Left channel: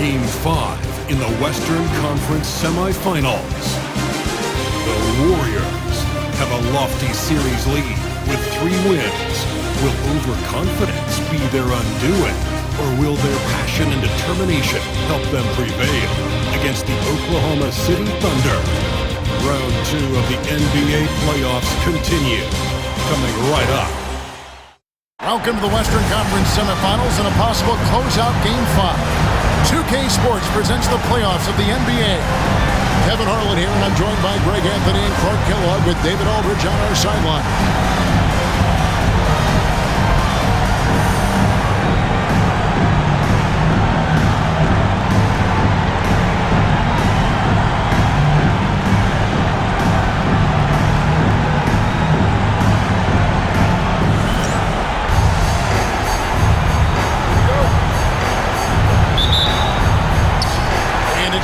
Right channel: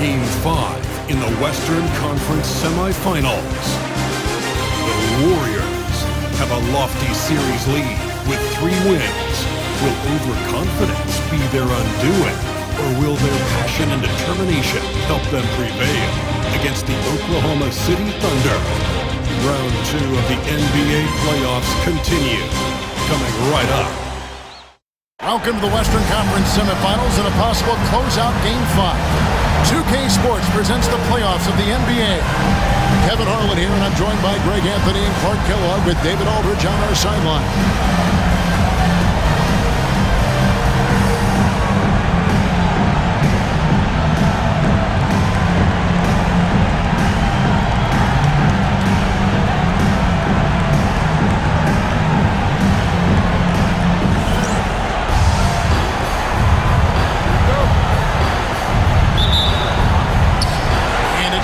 Game 5 in the Western Conference semifinals. The Warriors have a lofty series lead with 3 wins. Will overconfidence be their undoing, or will their passion and determination help them prevail against the Oklahoma City Thunder? Round 2 of the NBA playoffs continue, coming right up. Welcome to the Western Conference semifinals and a possible closeout Game 5. 2K Sports presents the playoffs of the NBA. Kevin Harlan here, and I'm joined by Greg Anthony and Clark Kellogg with David Aldridge on our sideline.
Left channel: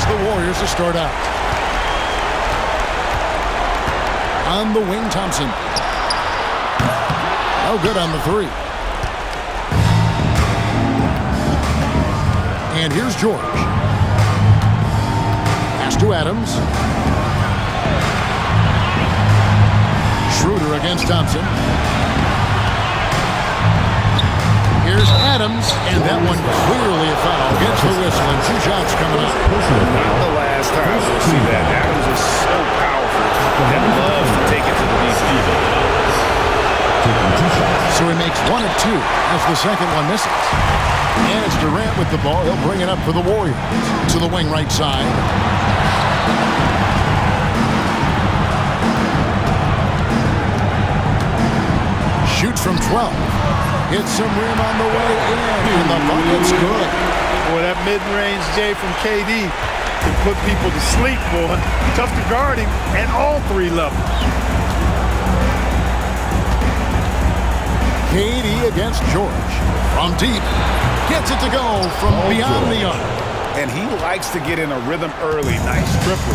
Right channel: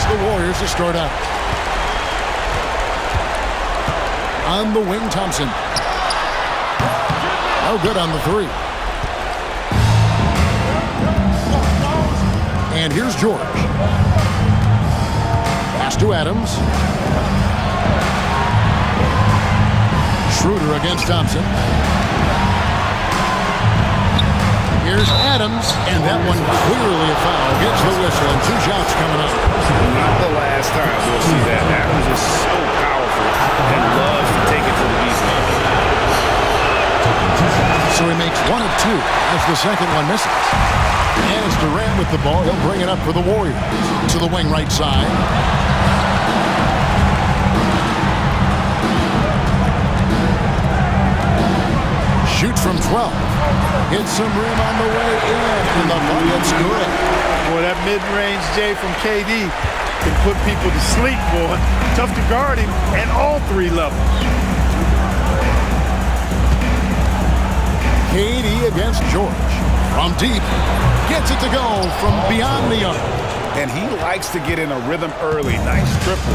The Warriors to start out. On the wing, Thompson. No good on the 3. And here's George. Pass to Adams. Schroeder against Thompson. Here's Adams, and that one clearly a foul. Gets the whistle, and 2 shots coming up. Not the last time we'll see that. Adams is so powerful and loves to take it to the defense. So he makes 1 of 2 as the second one misses. And it's Durant with the ball. He'll bring it up for the Warriors. To the wing right side. Shoots from 12. Hits some rim on the way in, and the bucket's good. Boy, that mid-range J from KD can put people to sleep, boy. Tough to guard him at all 3 levels. KD against George. From deep. Gets it to go from beyond the arc. And he likes to get in a rhythm early. Nice triple.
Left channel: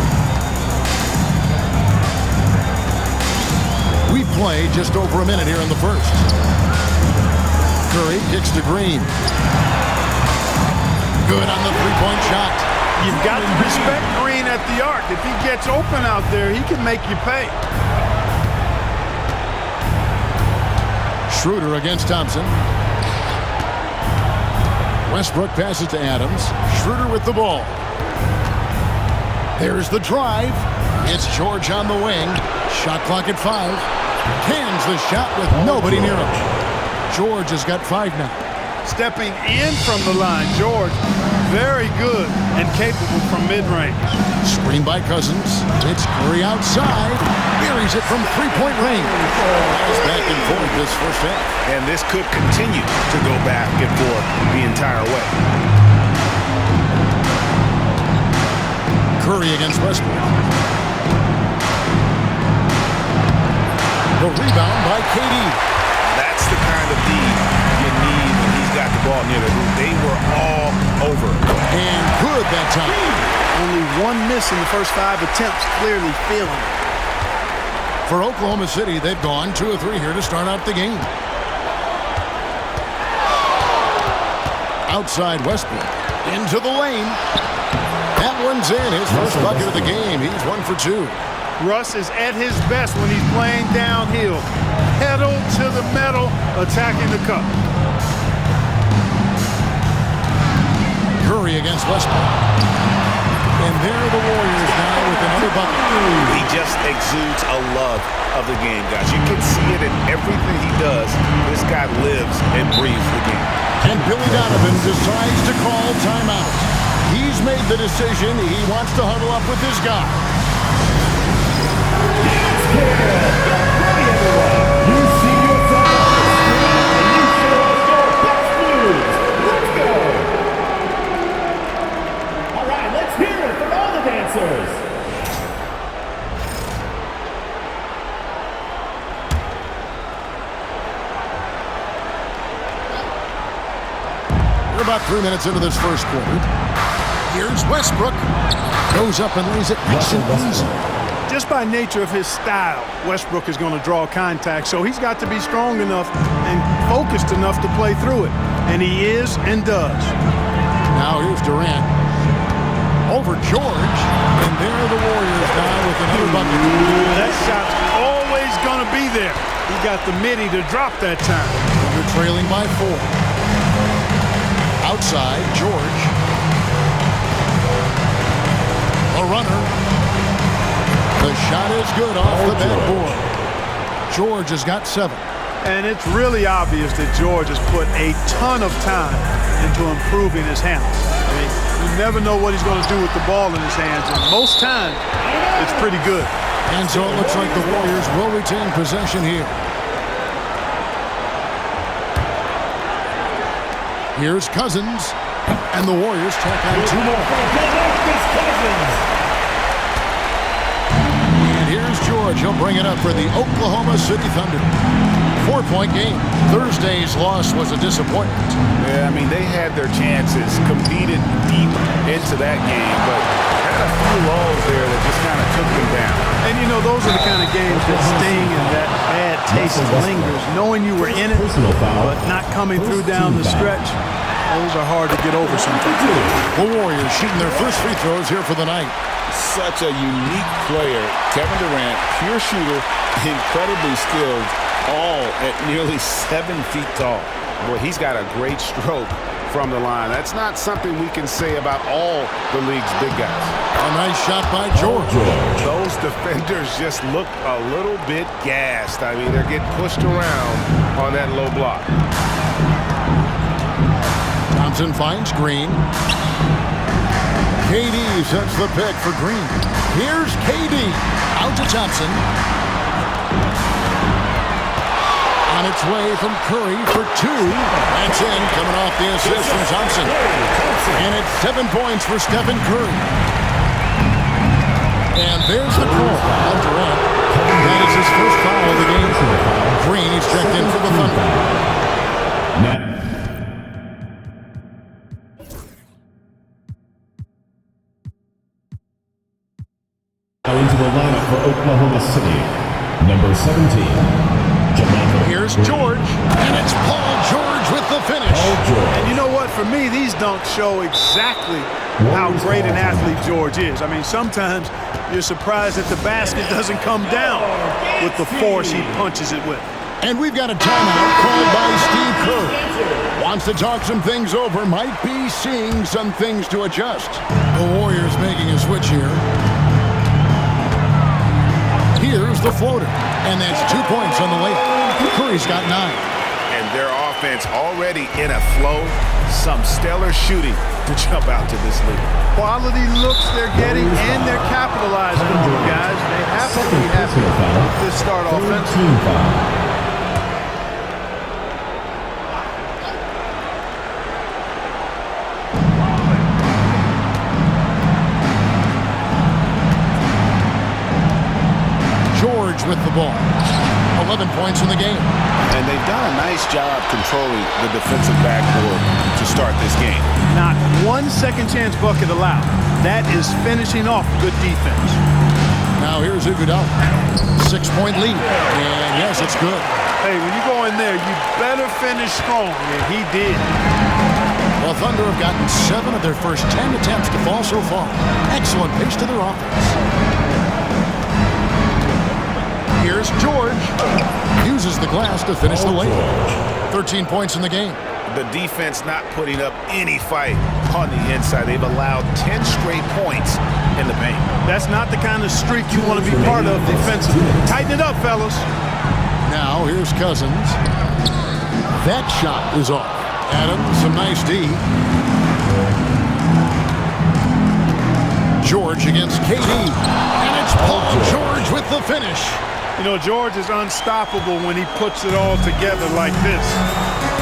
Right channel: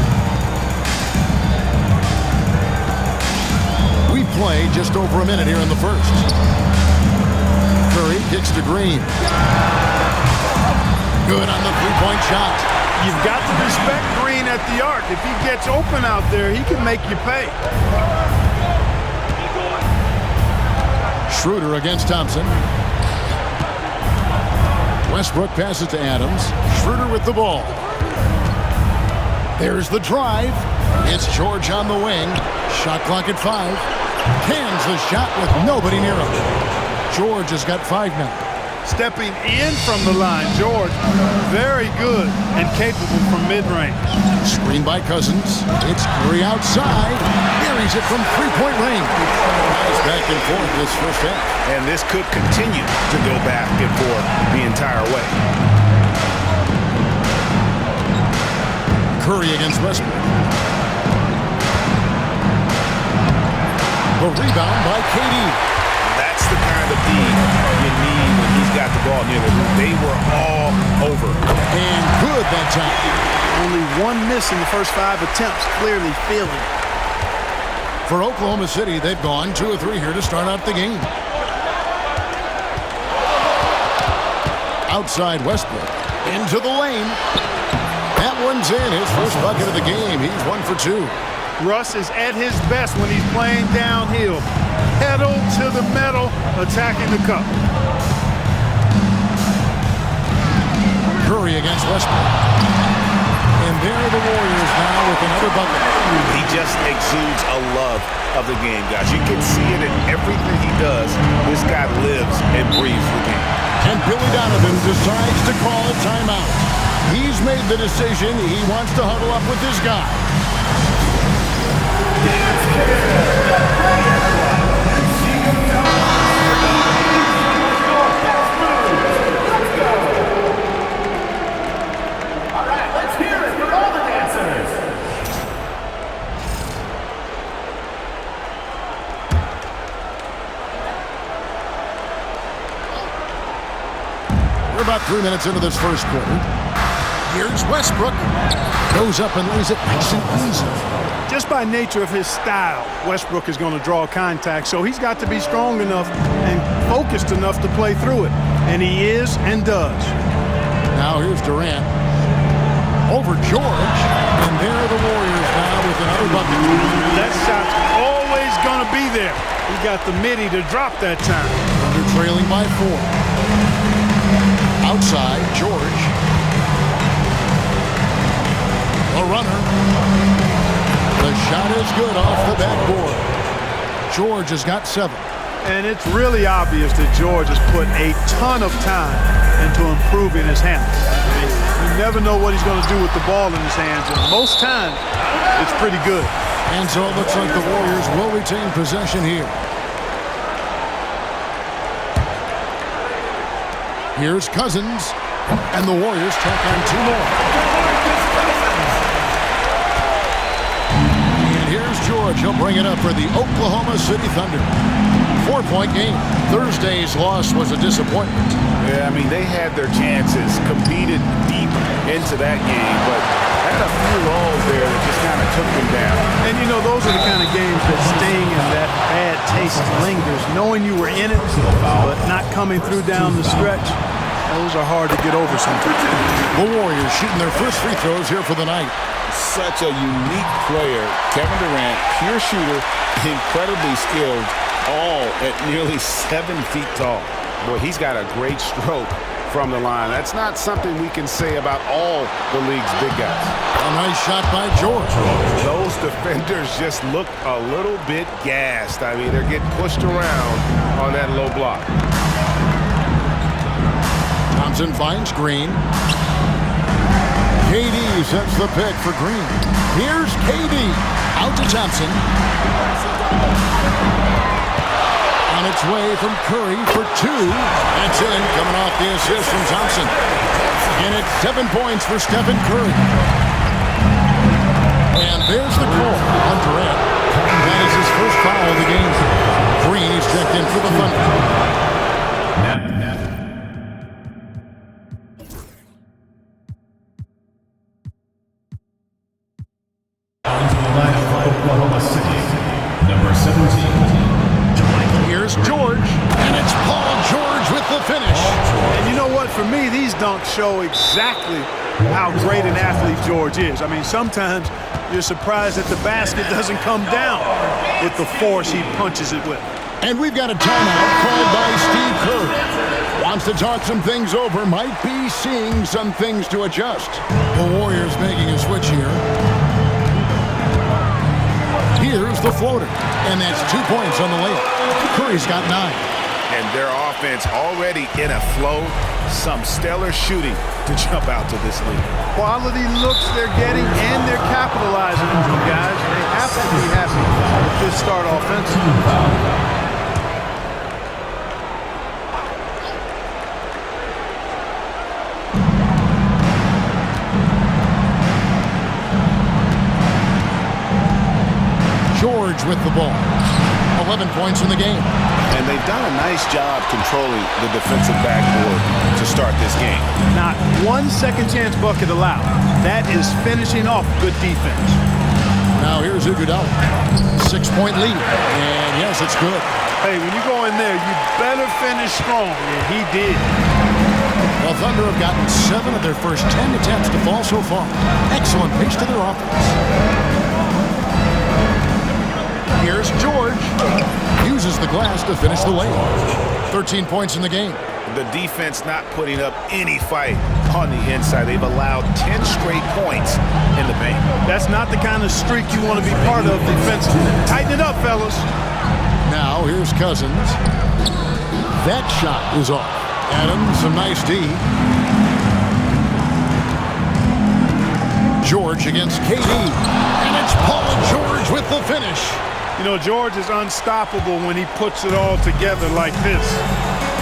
We play just over a minute here in the first. Curry kicks to Green. Good on the 3-point shot. You've got to respect Green at the arc. If he gets open out there, he can make you pay. Schroeder against Thompson. Westbrook passes to Adams. Schroeder with the ball. There's the drive. It's George on the wing. Shot clock at 5. Cans the shot with nobody near him. George has got 5 now. Stepping in from the line, George, very good and capable from mid-range. Screen by Cousins. It's Curry outside. Buries it from 3-point range. Nice back and forth this first half. And this could continue to go back and forth the entire way. Curry against Westbrook. The rebound by KD. That's the kind of D you need when he's got the ball near the hoop. They were all over. And good that time. Only 1 miss in the first 5 attempts, clearly feeling it. For Oklahoma City, they've gone 2 of 3 here to start out the game. Outside Westbrook. Into the lane. That one's in. His first bucket of the game. He's 1 for 2. Russ is at his best when he's playing downhill. Pedal to the metal, attacking the cup. Curry against Westbrook. And there are the Warriors now with another bucket. He just exudes a love of the game, guys. You can see it in everything he does. This guy lives and breathes the game. And Billy Donovan decides to call timeout. He's made the decision. He wants to huddle up with this guy. We're about 3 minutes into this first quarter. Here's Westbrook. Goes up and lays it nice and easy. Just by nature of his style, Westbrook is going to draw contact, so he's got to be strong enough and focused enough to play through it. And he is and does. Now here's Durant. Over George. And there are the Warriors now with another bucket. That shot's always going to be there. He got the midi to drop that time. Thunder trailing by 4. Outside, George. A runner. The shot is good off the backboard. George has got 7. And it's really obvious that George has put a ton of time into improving his handle. I mean, you never know what he's going to do with the ball in his hands, and most times it's pretty good. And so it looks like the Warriors will retain possession here. Here's Cousins, and the Warriors tack on 2 more. And here's George. He'll bring it up for the Oklahoma City Thunder. 4-point game. Thursday's loss was a disappointment. Yeah, I mean, they had their chances, competed deep into that game, but had a few lulls there that just kind of took them down. And, you know, those are the kind of games that sting and that bad taste lingers. Knowing you were in it, but not coming through down the stretch, those are hard to get over sometimes. The Warriors shooting their first free throws here for the night. Such a unique player. Kevin Durant, pure shooter, incredibly skilled, all at nearly 7 feet tall. Boy, he's got a great stroke from the line. That's not something we can say about all the league's big guys. A nice shot by George. Those defenders just look a little bit gassed. I mean, they're getting pushed around on that low block. Thompson finds Green. KD sets the pick for Green. Here's KD. Out to Thompson. On its way from Curry for 2. That's in, coming off the assist from Thompson. And it's 7 points for Stephen Curry. And there's the call on Durant. That is his first foul of the game. Green is checked in for the Thunder. Into the lineup for Oklahoma City, number 17. Here's George, and it's Paul George with the finish. And you know what? For me, these dunks show exactly how great an athlete George is. I mean, sometimes you're surprised that the basket doesn't come down with the force he punches it with. And we've got a timeout called by Steve Kerr. Wants to talk some things over, might be seeing some things to adjust. The Warriors making a switch here. Here's the floater, and that's 2 points on the layup. Curry's got 9. And their offense already in a flow. Some stellar shooting to jump out to this lead. Quality looks they're getting, and they're capitalizing on them, guys. They have to be happy with this start offensively. George with the ball. 11 points in the game. And they've done a nice job controlling the defensive backboard to start this game. Not one second chance bucket allowed. That is finishing off good defense. Now here's Iguodala. 6-point lead. And yes, it's good. Hey, when you go in there, you better finish strong. And he did. Well, Thunder have gotten 7 of their first 10 attempts to fall so far. Excellent pace to their offense. Here's George. Uses the glass to finish the layup. 13 points in the game. The defense not putting up any fight on the inside. They've allowed 10 straight points in the paint. That's not the kind of streak you want to be part of defensively. Tighten it up, fellas. Now here's Cousins. That shot is off. Adams, some nice D. George against KD. And it's Paul George with the finish. You know, George is unstoppable when he puts it all together like this.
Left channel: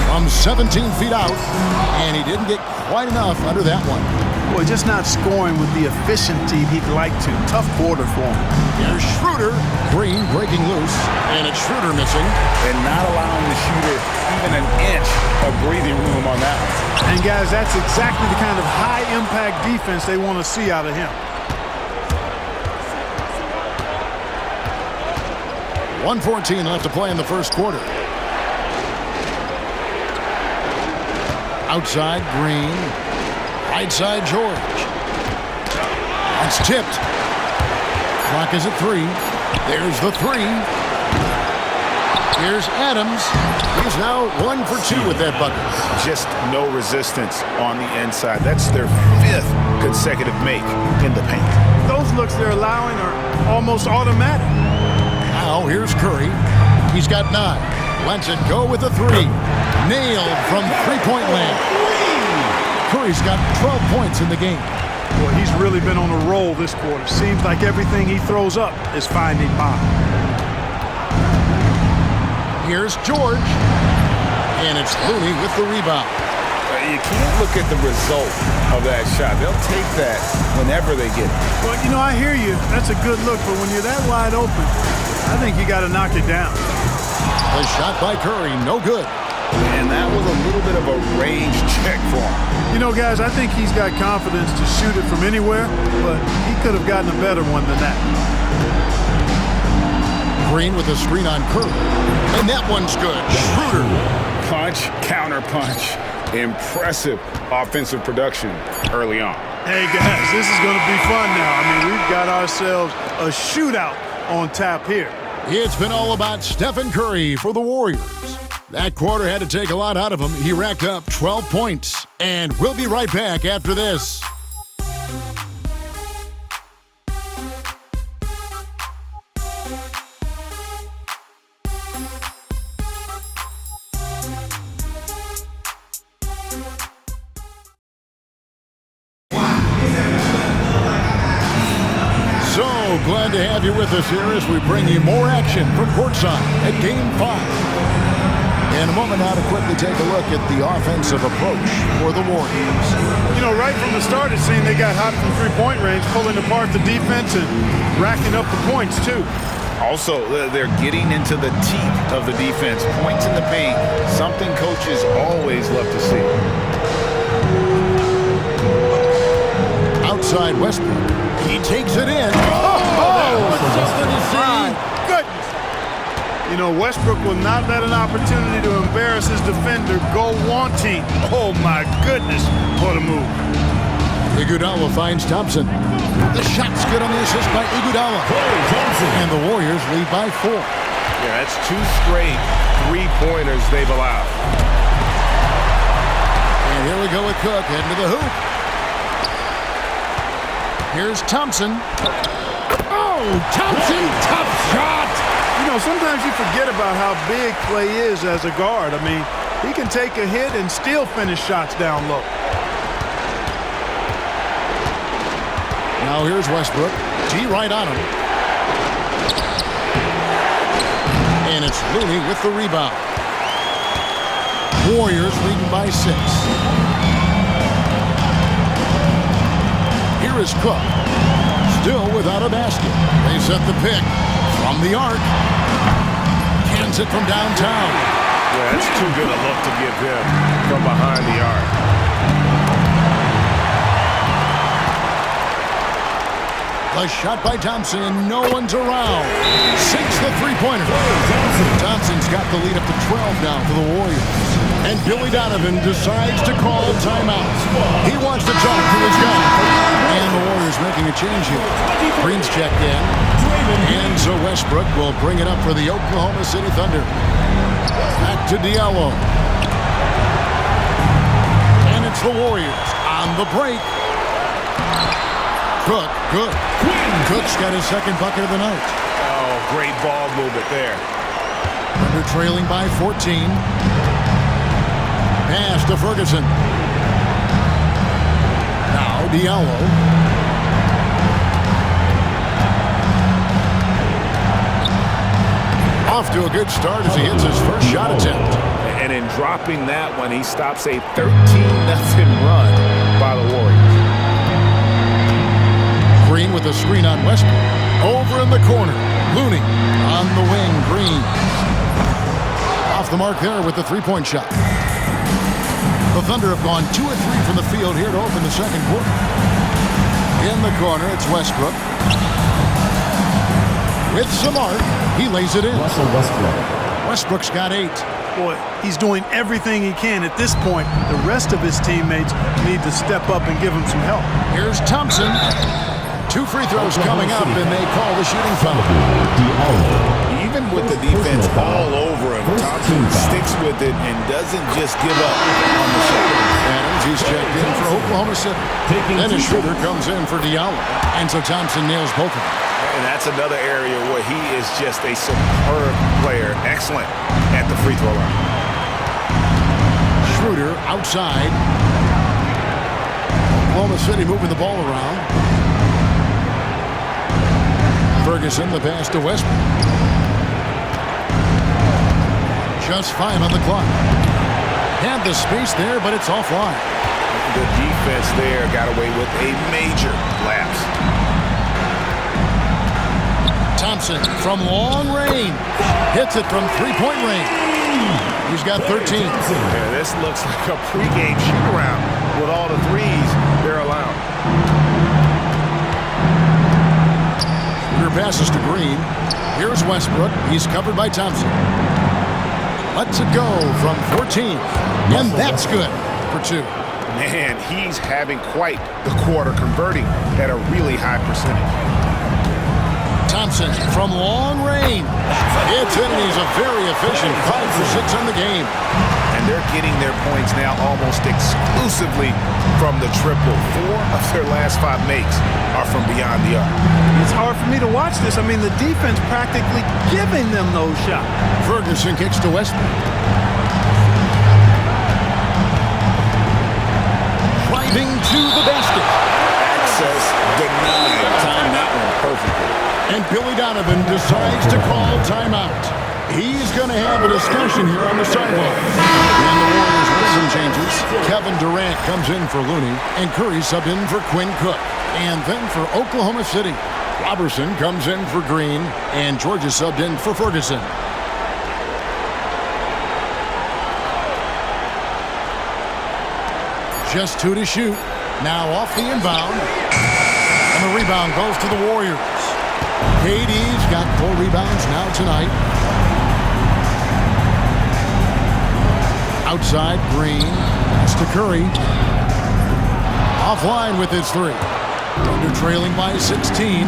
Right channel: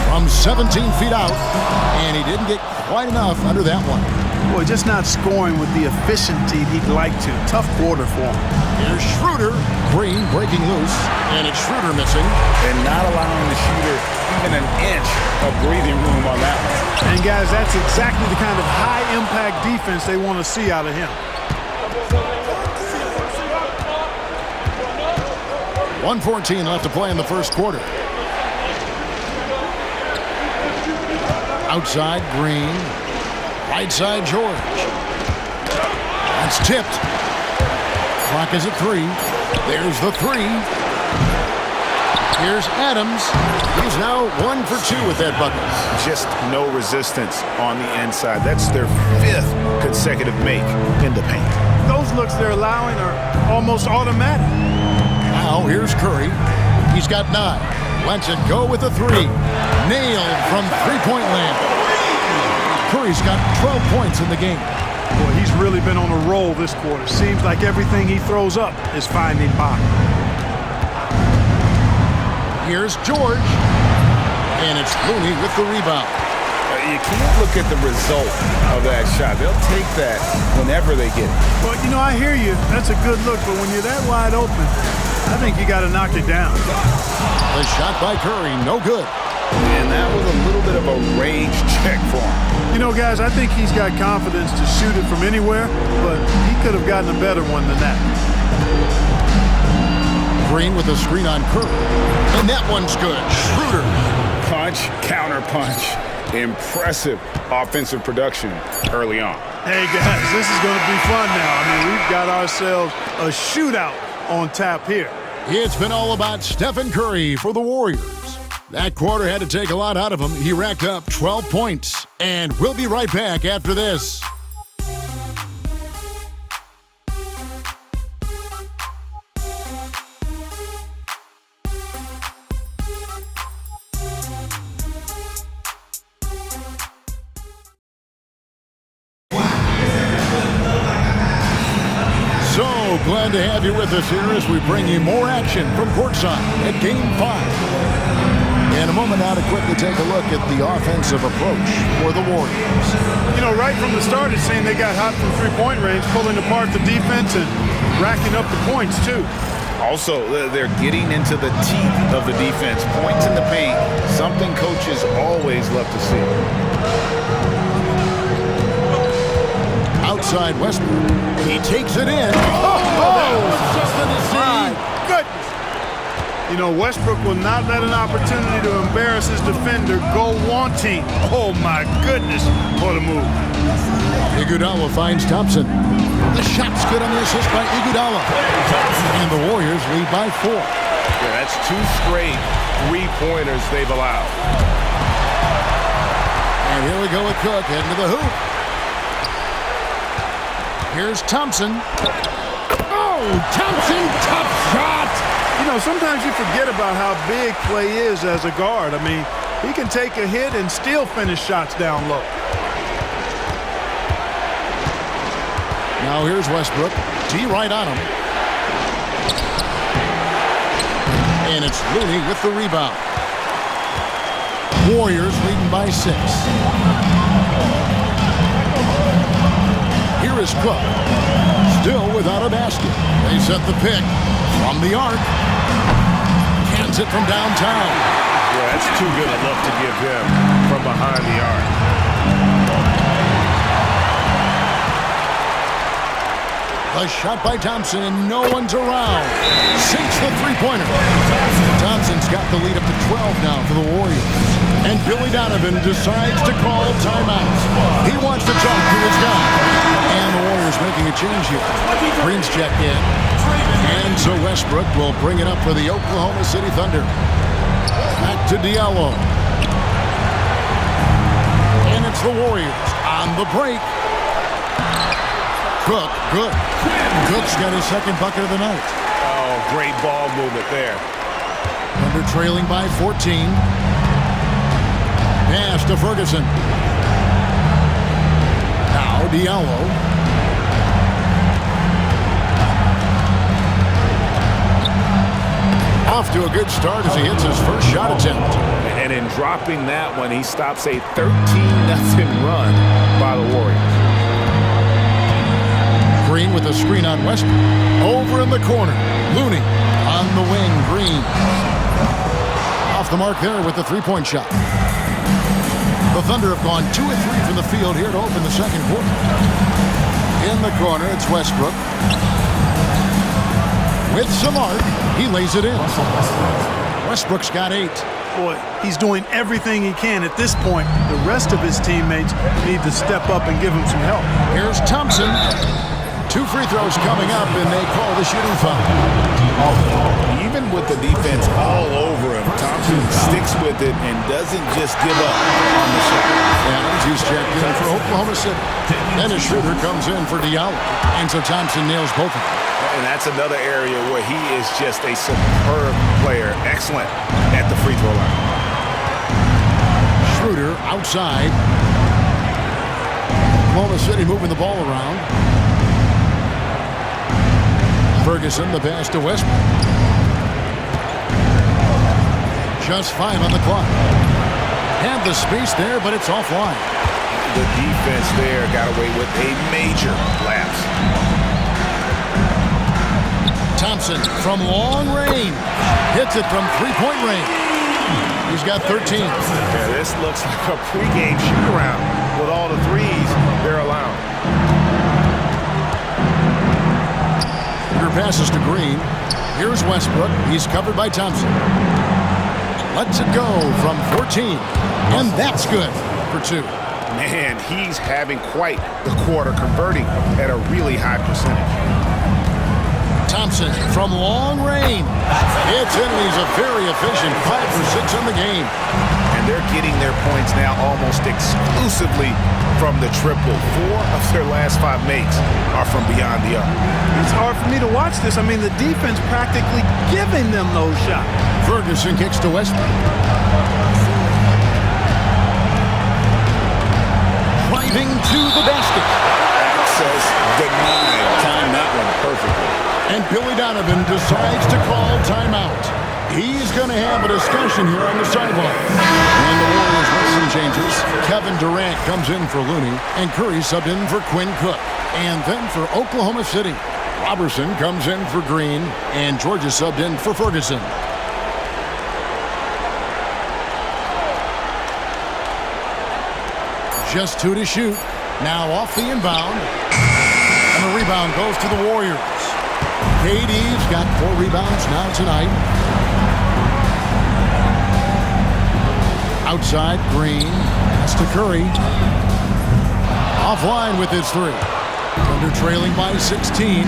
From 17 feet out, and he didn't get quite enough under that one. Boy, just not scoring with the efficiency he'd like to. Tough quarter for him. Here's Schroeder. Green breaking loose, and it's Schroeder missing. And not allowing the shooter even an inch of breathing room on that one. And, guys, that's exactly the kind of high-impact defense they want to see out of him. 1:14 left to play in the first quarter. Outside, Green. Right side, George. That's tipped. Clock is at 3. There's the 3. Here's Adams. He's now 1 for 2 with that bucket. Just no resistance on the inside. That's their 5th consecutive make in the paint. Those looks they're allowing are almost automatic. Now here's Curry. He's got 9. Lets it go with a 3. Nailed from three-point land. Curry's got 12 points in the game. Boy, he's really been on a roll this quarter. Seems like everything he throws up is finding bottom. Here's George. And it's Looney with the rebound. You can't look at the result of that shot. They'll take that whenever they get it. Well, you know, I hear you. That's a good look. But when you're that wide open, I think you got to knock it down. The shot by Curry, no good. And that was a little bit of a range check for him. You know, guys, I think he's got confidence to shoot it from anywhere, but he could have gotten a better one than that. Green with a screen on Curry. And that one's good. Schroeder. Punch, counter punch. Impressive offensive production early on. Hey, guys, this is going to be fun now. I mean, we've got ourselves a shootout on tap here. It's been all about Stephen Curry for the Warriors. That quarter had to take a lot out of him. He racked up 12 points. And we'll be right back after this. So glad to have you with us here as we bring you more action from courtside at Game 5. In a moment now to quickly take a look at the offensive approach for the Warriors. You know, right from the start, it seemed they got hot from three-point range, pulling apart the defense and racking up the points, too. Also, they're getting into the teeth of the defense. Points in the paint, something coaches always love to see. Outside Westbrook. He takes it in. That was something to see. My goodness. You know, Westbrook will not let an opportunity to embarrass his defender go wanting. Oh, my goodness. What a move. Iguodala finds Thompson. The shot's good on the assist by Iguodala. And the Warriors lead by 4. Yeah, that's 2 straight three-pointers they've allowed. And here we go with Cook heading to the hoop. Here's Thompson. Oh, Thompson, tough shot. You know, sometimes you forget about how big Clay is as a guard. I mean, he can take a hit and still finish shots down low. Now here's Westbrook. D right on him. And it's Looney with the rebound. Warriors leading by 6. Here is Cook. Still without a basket. They set the pick from the arc. Cans it from downtown. Yeah, that's too good a look to give him from behind the arc. The shot by Thompson, and no one's around. Sinks the three-pointer. Thompson's got the lead up to 12 now for the Warriors. And Billy Donovan decides to call timeout. He wants to talk to his guy. And the Warriors making a change here. Green's checked in. And so Westbrook will bring it up for the Oklahoma City Thunder. Back to Diallo. And it's the Warriors on the break. Cook, good. Cook's got his second bucket of the night. Oh, great ball movement there. Thunder trailing by 14. Pass to Ferguson. Now Diallo. Off to a good start as he hits his first shot attempt. And in dropping that one, he stops a 13-0 run by the Warriors. Green with a screen on Westbrook. Over in the corner. Looney on the wing. Green. Off the mark there with the three-point shot. The Thunder have gone 2 of 3 from the field here to open the second quarter. In the corner, it's Westbrook. With some arc, he lays it in. Westbrook's got 8. Boy, he's doing everything he can at this point. The rest of his teammates need to step up and give him some help. Here's Thompson. 2 free throws coming up, and they call the shooting foul. Even with the defense all over him, Thompson sticks with it and doesn't just give up on the shot. Adams, he's checked in for Oklahoma City. Dennis Schroeder comes in for Diallo. And so Thompson nails both of them. And that's another area where he is just a superb player. Excellent at the free throw line. Schroeder outside. Oklahoma City moving the ball around. Ferguson, the pass to Westbrook. Just 5 on the clock. Had the space there, but it's offline. The defense there got away with a major lapse. Thompson from long range. Hits it from 3-point range. He's got 13. Yeah, this looks like a pregame shoot-around with all the threes they're allowing. Schroeder passes to Green. Here's Westbrook. He's covered by Thompson. Lets it go from 14. And that's good for 2. Man, he's having quite the quarter, converting at a really high percentage. Thompson from long range. It's in, and he's a very efficient 5 for 6 on the game. And they're getting their points now almost exclusively from the triple. 4 of their last 5 makes are from beyond the arc. It's hard for me to watch this. I mean, the defense practically giving them those shots. Ferguson kicks to Westbrook. Driving to the basket. Access denied. Timed that one perfectly. And Billy Donovan decides to call timeout. He's going to have a discussion here on the sideline. And the Warriors with some changes. Kevin Durant comes in for Looney, and Curry subbed in for Quinn Cook. And then for Oklahoma City, Robertson comes in for Green, and Georgia subbed in for Ferguson. Just 2 to shoot. Now off the inbound. And the rebound goes to the Warriors. KD's got 4 rebounds now tonight. Outside, Green. Pass to Curry. Offline with his 3. Thunder trailing by 16.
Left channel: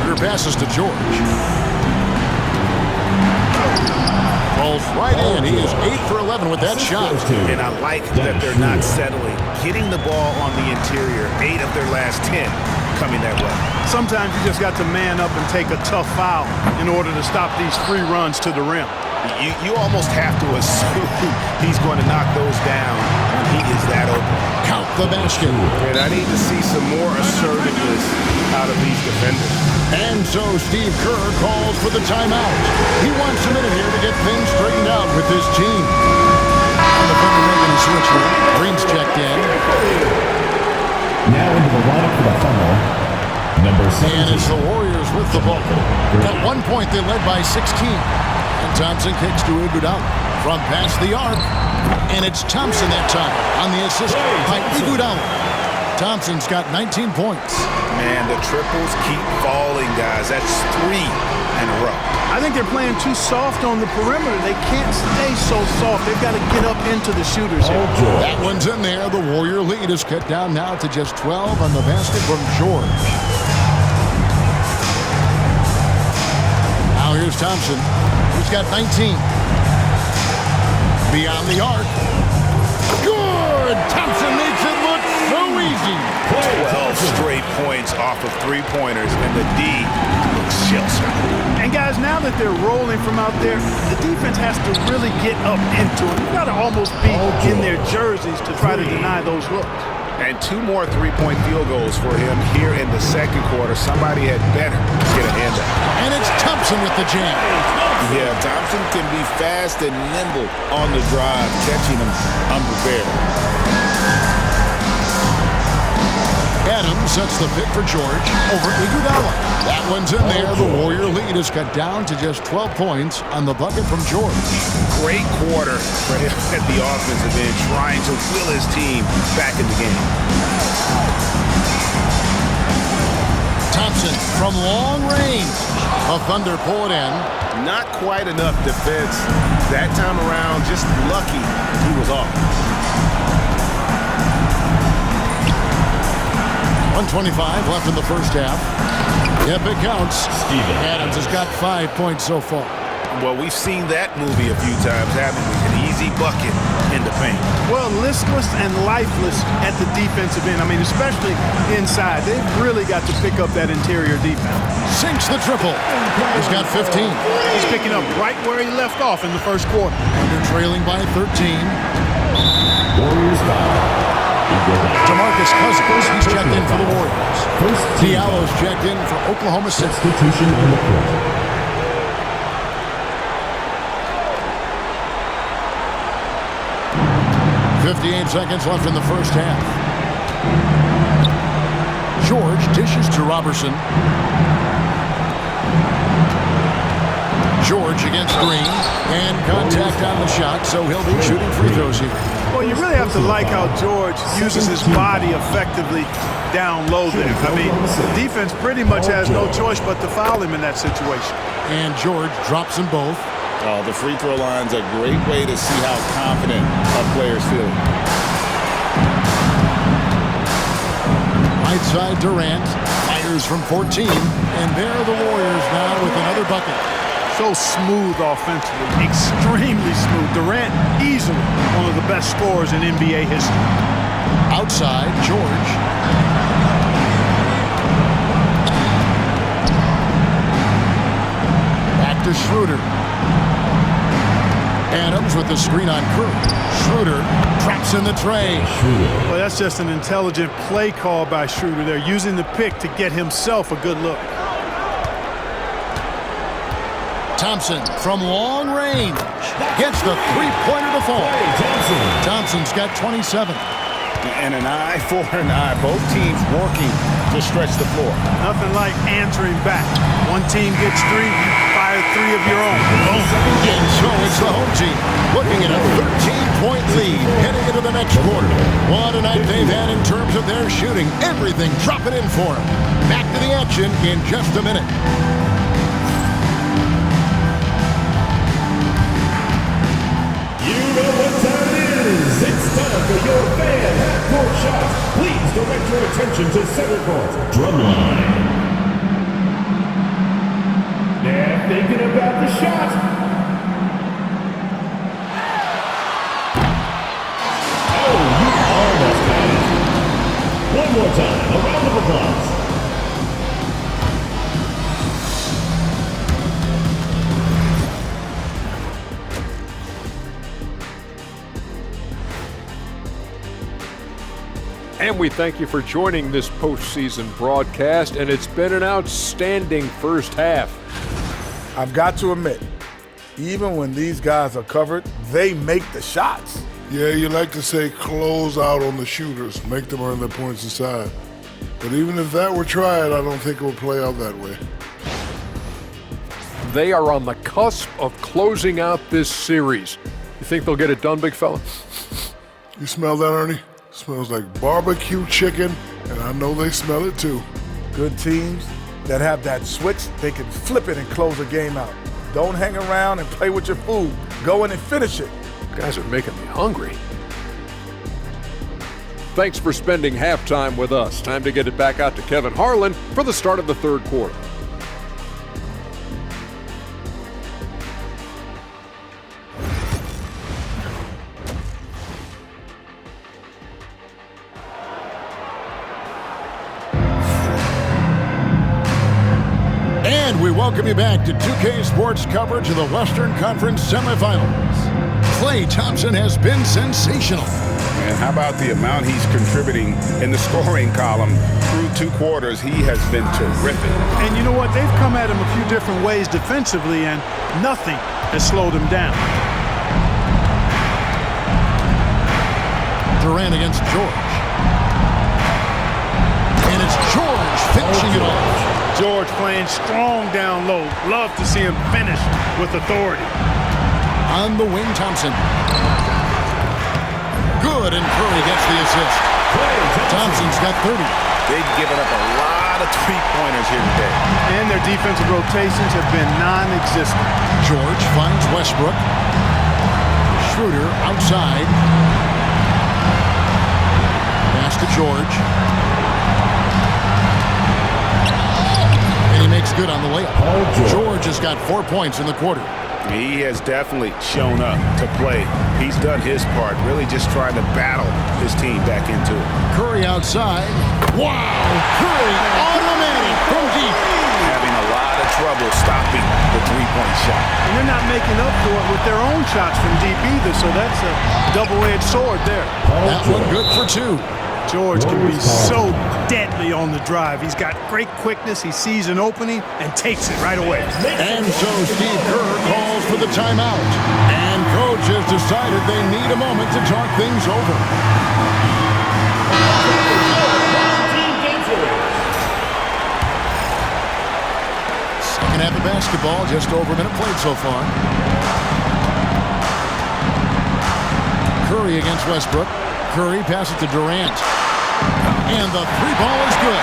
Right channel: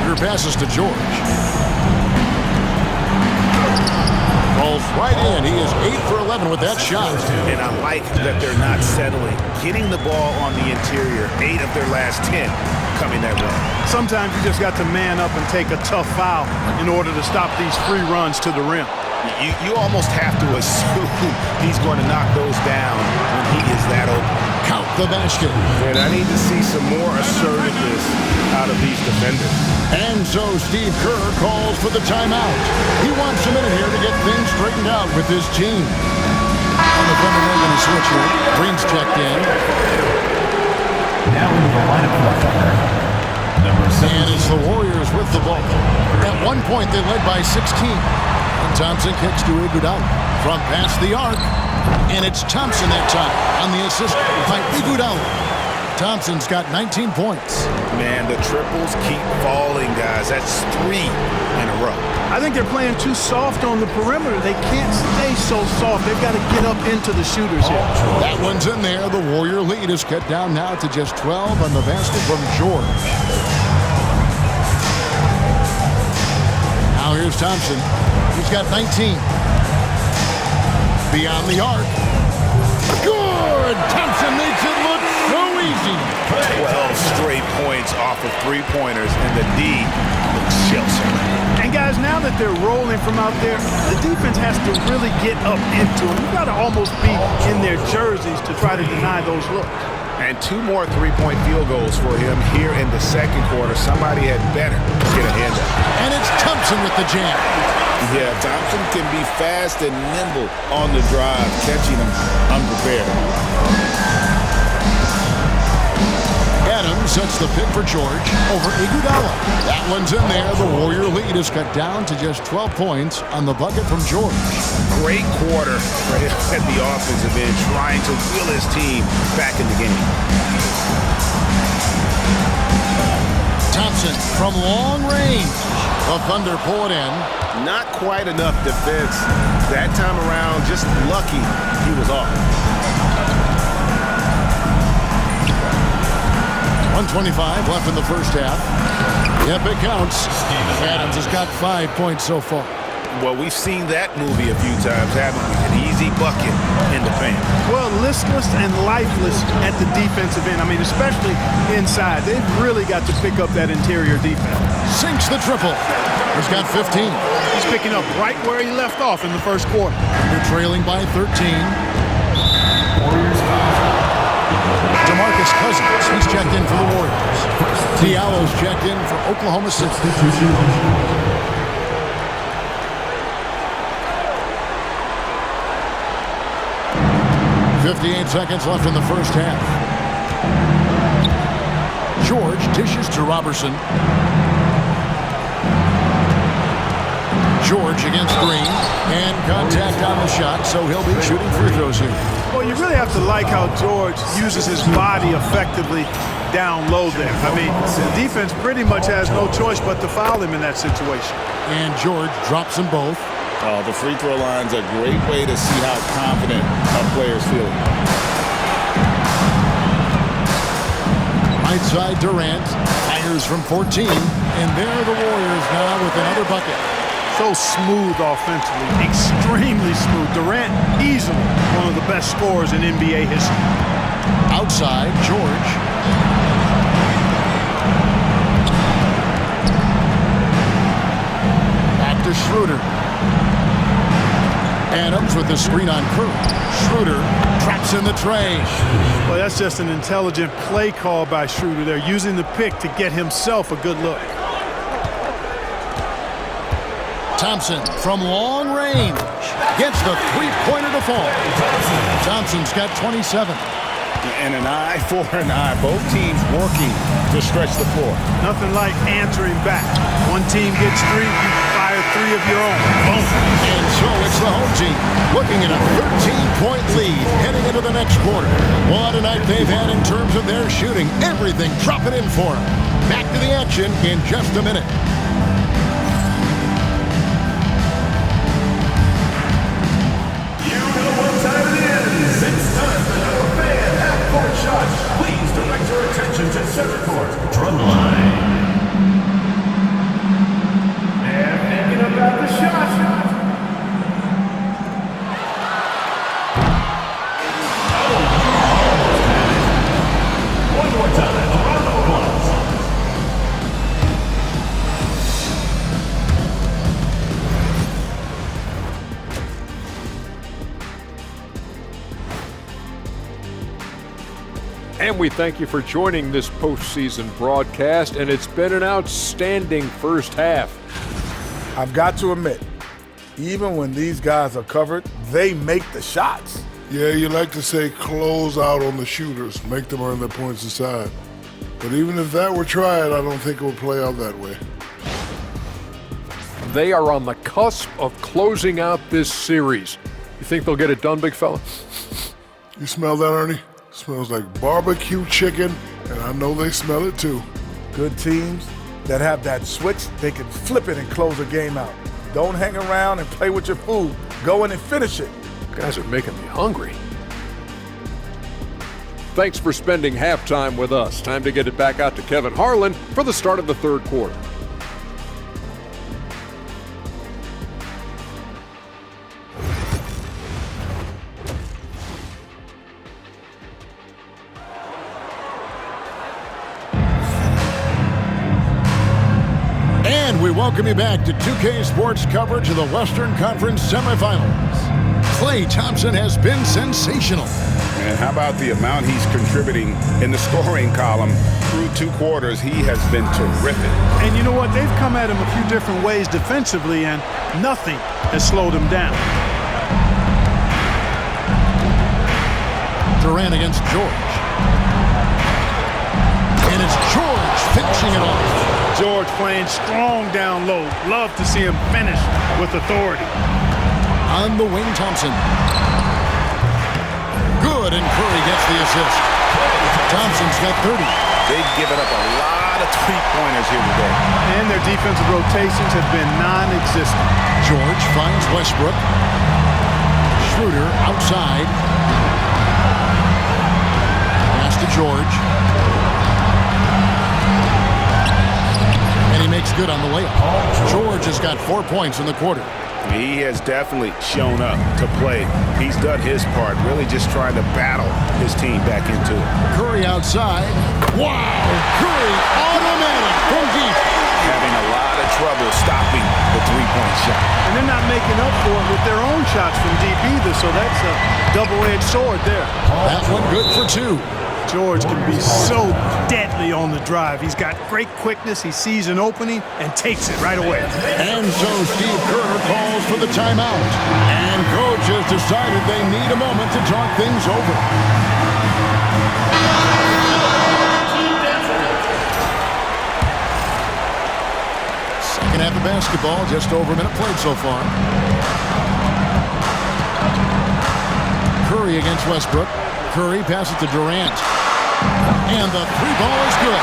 Thunder passes to George. Falls right in. He is 8 for 11 with that shot. And I like that they're not settling. Getting the ball on the interior. 8 of their last 10 coming that way. Sometimes you just got to man up and take a tough foul in order to stop these free runs to the rim. You almost have to assume he's going to knock those down when he is that open. Count the basket. And I need to see some more assertiveness out of these defenders. And so Steve Kerr calls for the timeout. He wants a minute here to get things straightened out with his team. On the Thunder making a switch here. Green's checked in. Now into the lineup for the Thunder, number 17. And it's the Warriors with the ball. At one point, they led by 16. And Thompson kicks to Iguodala from past the arc. And it's Thompson that time on the assist by Iguodala. Thompson's got 19 points. Man, the triples keep falling, guys. That's 3 in a row. I think they're playing too soft on the perimeter. They can't stay so soft. They've got to get up into the shooters here. That one's in there. The Warrior lead is cut down now to just 12 on the basket from George. Now here's Thompson. He's got 19. Beyond the arc. Good! Thompson makes it look so easy. 12 straight points off of 3-pointers, and the D looks shell-shocked. And guys, now that they're rolling from out there, the defense has to really get up into them. You've got to almost be in their jerseys to try to deny those looks. And 2 more 3-point field goals for him here in the second quarter. Somebody had better get a hand up. And it's Thompson with the jam. Yeah, Thompson can be fast and nimble on the drive, catching him unprepared. Adams sets the pick for George over Iguodala. That one's in there. The Warrior lead is cut down to just 12 points on the bucket from George. Great quarter for him at the offensive end, trying to will his team back in the game. Thompson from long range. The Thunder pull it in. Not quite enough defense that time around. Just lucky he was off. 1:25 left in the first half. Yep, it counts. Adams has got 5 points so far. Well, we've seen that movie a few times, haven't we? An easy bucket in the paint. Well, listless and lifeless at the defensive end. I mean, especially inside. They've really got to pick up that interior defense. Sinks the triple. He's got 15. He's picking up right where he left off in the first quarter. Under trailing by 13. Warriors foul. DeMarcus Cousins, he's checked in for the Warriors. Diallo's checked in for Oklahoma City. Substitution on the court. 58 seconds left in the first half. George dishes to Robertson. George against Green. And contact on the shot, so he'll be shooting free throws here. Well, you really have to like how George uses his body effectively down low there. I mean, the defense pretty much has no choice but to foul him in that situation. And George drops them both. Oh, the free throw line's a great way to see how confident a player's feeling. Right side Durant fires from 14, and there are the Warriors now with another bucket. So smooth offensively, extremely smooth. Durant, easily one of the best scorers in NBA history. Outside, George. Back to Schroeder. Adams with the screen on Curry. Schroeder traps in the tray. Well, that's just an intelligent play call by Schroeder. They're using the pick to get himself a good look. Thompson from long range gets the three-pointer to fall. Thompson's got 27. And an eye for an eye. Both teams working to stretch the floor. Nothing like answering back. One team gets three, you fire three of your own. Boom. And so it's the home team looking at a 13-point lead heading into the next quarter. What a night they've had in terms of their shooting. Everything dropping in for them. Back to the action in just a minute. You know what time it is. It's time for your fan half-court shots. Please direct your attention to center court. Drumline. They're thinking about the shot. Oh, you almost had it. One more time. A round of applause. And we thank you for joining this postseason broadcast, and it's been an outstanding first half. I've got to admit, even when these guys are covered, they make the shots. Yeah, you like to say close out on the shooters, make them earn their points inside. But even if that were tried, I don't think it would play out that way. They are on the cusp of closing out this series. You think they'll get it done, big fella? You smell that, Ernie? Smells like barbecue chicken, and I know they smell it too. Good teams that have that switch, they can flip it and close a game out. Don't hang around and play with your food. Go in and finish it. You guys are making me hungry. Thanks for spending halftime with us. Time to get it back out to Kevin Harlan for the start of the third quarter. And we welcome you back to 2K Sports coverage of the Western Conference semifinals. Klay Thompson has been sensational. Man, how about the amount he's contributing in the scoring column through two quarters? He has been terrific. And you know what? They've come at him a few different ways defensively, and nothing has slowed him down. Durant against George. And it's George finishing it off. George playing strong down low. Love to see him finish with authority. On the wing, Thompson. Good, and Curry gets the assist. Thompson's got 30. They've given up a lot of three-pointers here today. And their defensive rotations have been non-existent. George finds Westbrook. Schroeder outside. Pass to George. he makes good on the layup. George has got 4 points in the quarter. He has definitely shown up to play. He's done his part, really just trying to battle his team back into it. Curry outside. Wow! Curry automatic from deep. Having a lot of trouble stopping the three-point shot. And they're not making up for it with their own shots from deep either, so that's a double-edged sword there. That one good for 2. George can be so deadly on the drive. He's got great quickness. He sees an opening and takes it right away. And so Steve Kerr calls for the timeout. And coach has decided they need a moment to talk things over. Second half of basketball, just over a minute played so far. Curry against Westbrook. Curry passes to Durant. And the three ball is good.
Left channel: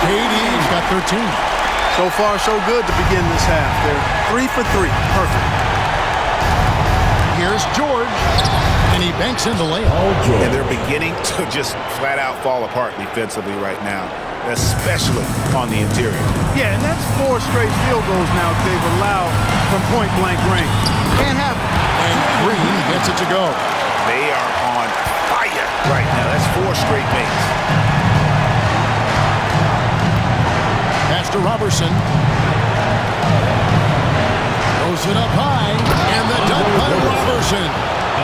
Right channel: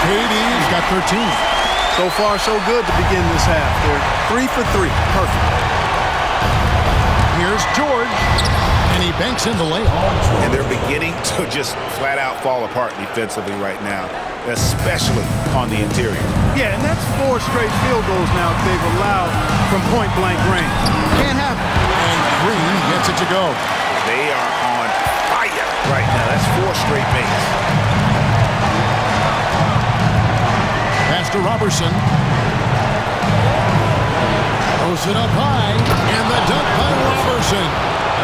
KD's got 13. So far, so good to begin this half. They're 3 for 3. Perfect. Here's George. And he banks in the layup. And they're beginning to just flat out fall apart defensively right now, especially on the interior. Yeah, and that's 4 straight field goals now they've allowed from point-blank range. Can't happen. And Green gets it to go. They are on fire right now. That's 4 straight makes. Pass to Robertson. Throws it up high. And the dunk by Robertson.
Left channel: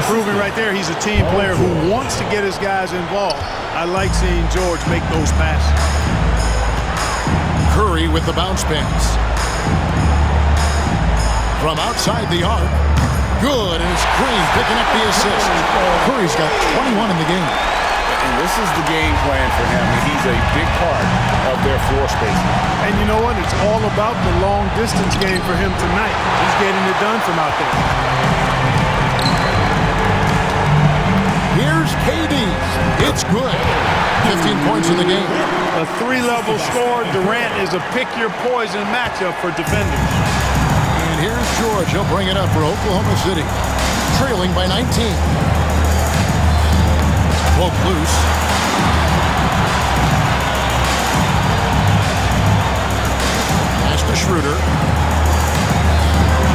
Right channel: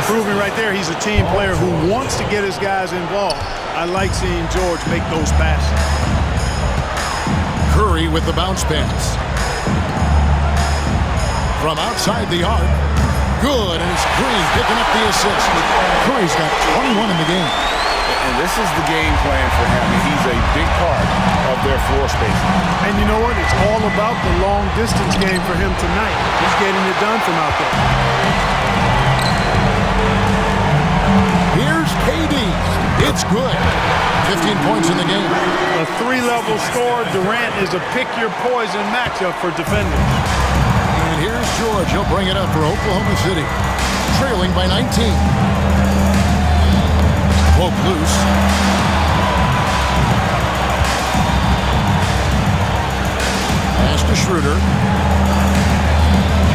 Proving right there he's a team player who wants to get his guys involved. I like seeing George make those passes. Curry with the bounce pass. From outside the arc. Good, and it's Green picking up the assist. Curry's got 21 in the game. And this is the game plan for him. He's a big part of their floor spacing. And you know what? It's all about the long-distance game for him tonight. He's getting it done from out there. Here's KD. It's good. 15 points in the game. A 3-level score. Durant is a pick-your-poison matchup for defenders. And here's George. He'll bring it up for Oklahoma City. Trailing by 19. Poke loose. Pass to Schroeder.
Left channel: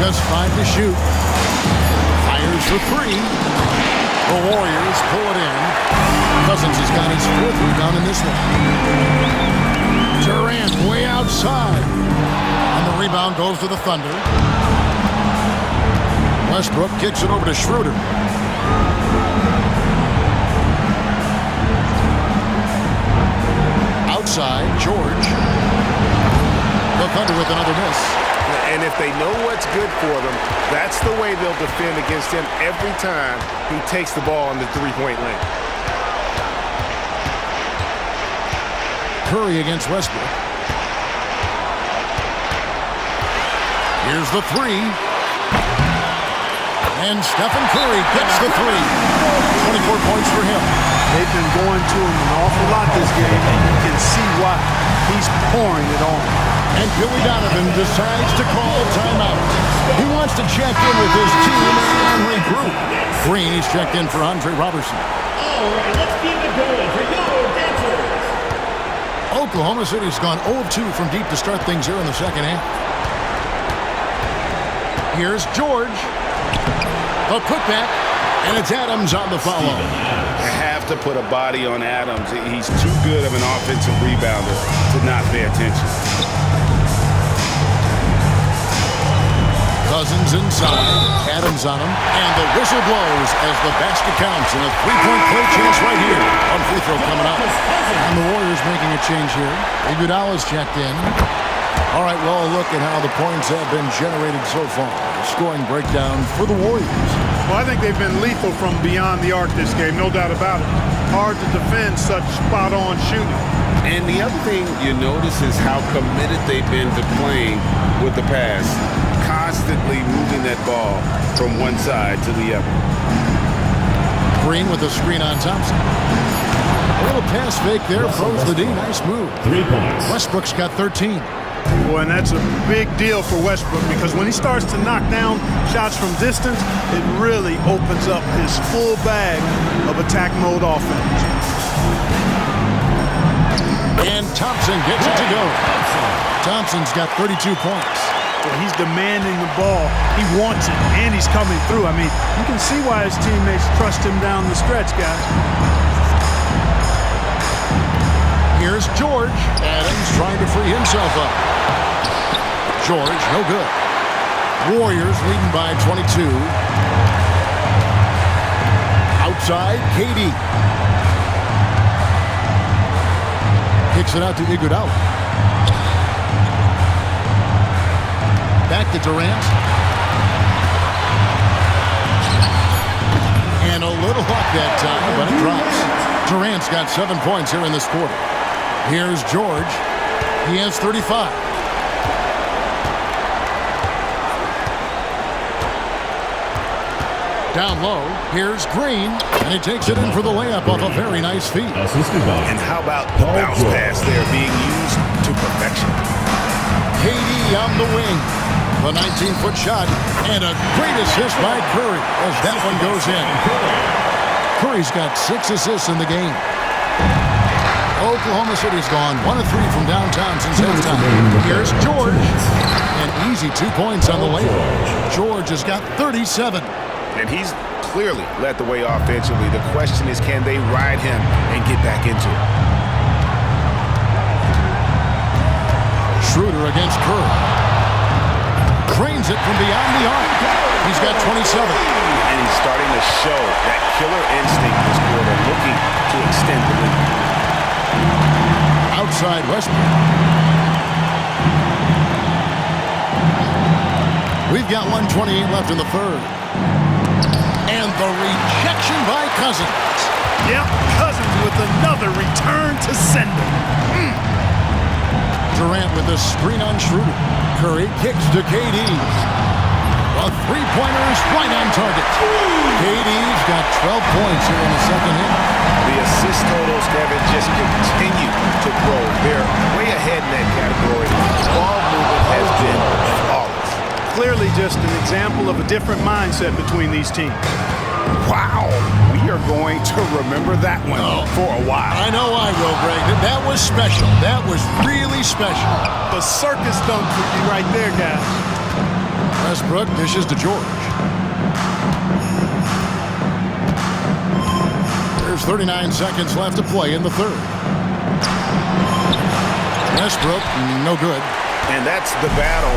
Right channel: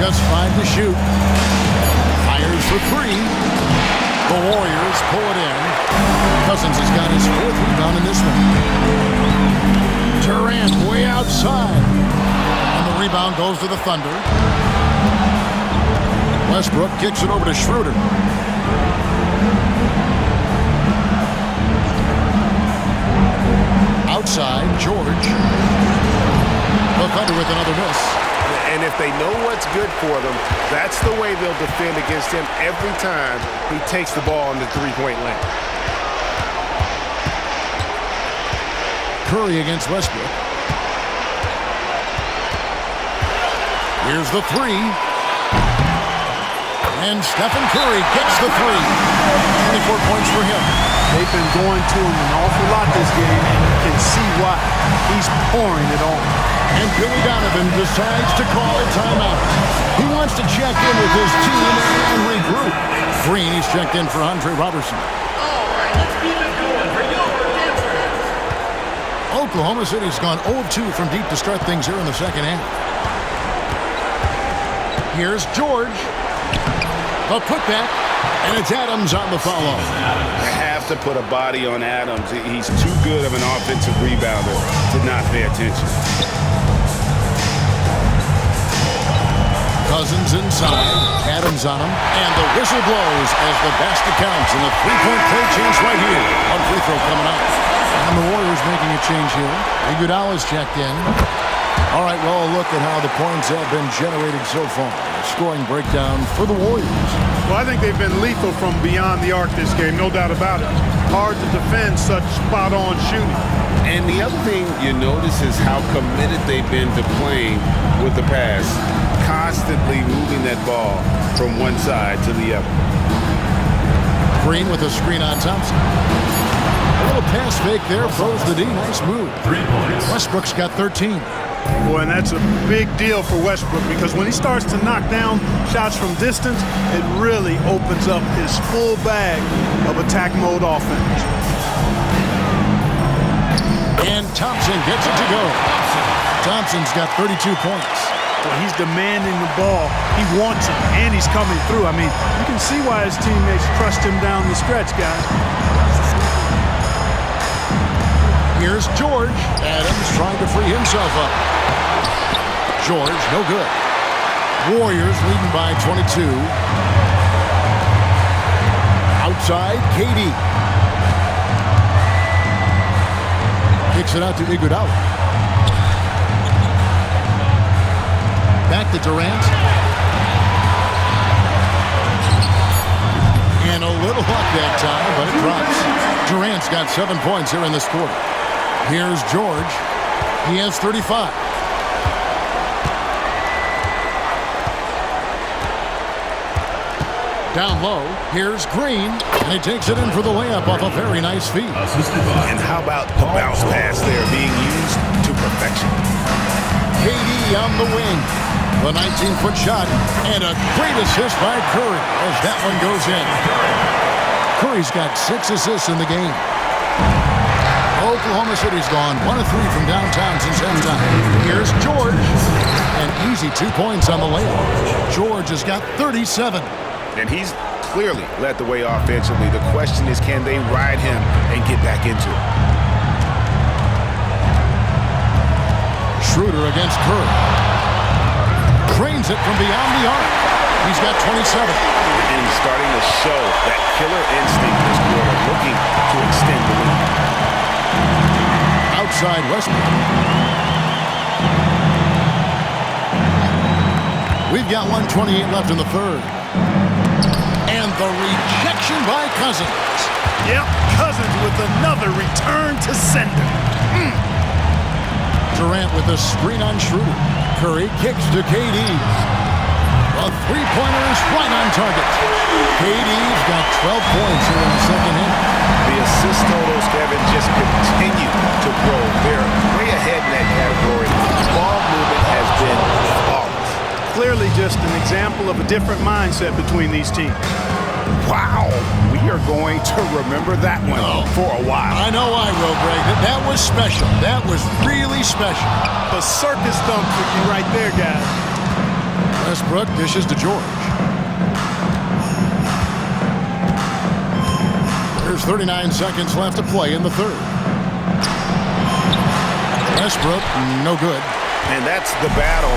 Just 5 to shoot. Fires for 3. The Warriors pull it in. Cousins has got his 4th rebound in this one. Durant way outside. And the rebound goes to the Thunder. Westbrook kicks it over to Schroeder. Outside, George. The Thunder with another miss. And if they know what's good for them, that's the way they'll defend against him every time he takes the ball in the three-point lane. Curry against Westbrook. Here's the 3. And Stephen Curry gets the 3. 24 points for him. They've been going to him an awful lot this game, and you can see why. He's pouring it on. And Billy Donovan decides to call timeout. He wants to check in with his team and regroup. Green, he's checked in for Andre Robertson. All right, let's keep it going for your dancers. Oklahoma City's gone 0-2 from deep to start things here in the second half. Here's George. The putback, and it's Adams on the follow. They have to put a body on Adams. He's too good of an offensive rebounder to not pay attention. Cousins inside, Adams on him, and the whistle blows as the basket counts, and a three-point play chance right here. One free throw coming up. And the Warriors making a change here. Iguodala's checked in. All right, well, a look at how the points have been generated so far. A scoring breakdown for the Warriors. Well, I think they've been lethal from beyond the arc this game, no doubt about it. Hard to defend such spot-on shooting. And the other thing you notice is how committed they've been to playing with the pass, constantly moving that ball from one side to the other. Green with a screen on Thompson. A little pass fake there, throws the D. Nice move. 3 points. Westbrook's got 13. Boy, and that's a big deal for Westbrook because when he starts to knock down shots from distance, it really opens up his full bag of attack mode offense. And Thompson gets it to go. Thompson's got 32 points. Well, he's demanding the ball. He wants it, and he's coming through. I mean, you can see why his teammates trust him down the stretch, guys. Here's George. Adams trying to free himself up. George, no good. Warriors leading by 22. Outside, KD. Kicks it out to Iguodala. Back to Durant. And a little luck that time, but it drops. Durant's got 7 points here in this quarter. Here's George. He has 35. Down low, here's Green, and he takes it in for the layup off a very nice feed. And how about the bounce pass there being used to perfection? KD on the wing. The 19-foot shot, and a great assist by Curry as that one goes in. Curry's got 6 assists in the game. Oklahoma City's gone 1 of 3 from downtown since halftime. Here's George, and easy 2 points on the layup. George has got 37. And he's clearly led the way offensively. The question is, can they ride him and get back into it? Schroeder against Curry. Cranes it from beyond the arc. He's got 27. And he's starting to show that killer instinct this quarter, looking to extend the lead. Outside Westbrook. We've got 1:28 left in the third. And the rejection by Cousins. Yep, Cousins with another return to sender. Durant with a screen on Schroeder. Curry kicks to KD. The three-pointer is right on target. KD's got 12 points here in the second half. The assist totals, Kevin, just continue to grow. They're way ahead in that category. Ball movement has been flawless. Clearly just an example of a different mindset between these teams. Wow, we are going to remember that one for a while. I know I will, Greg. That was special. That was really special. The circus dunk for you right there, guys. Westbrook dishes to George. There's 39 seconds left to play in the third. Westbrook, no good. And that's the battle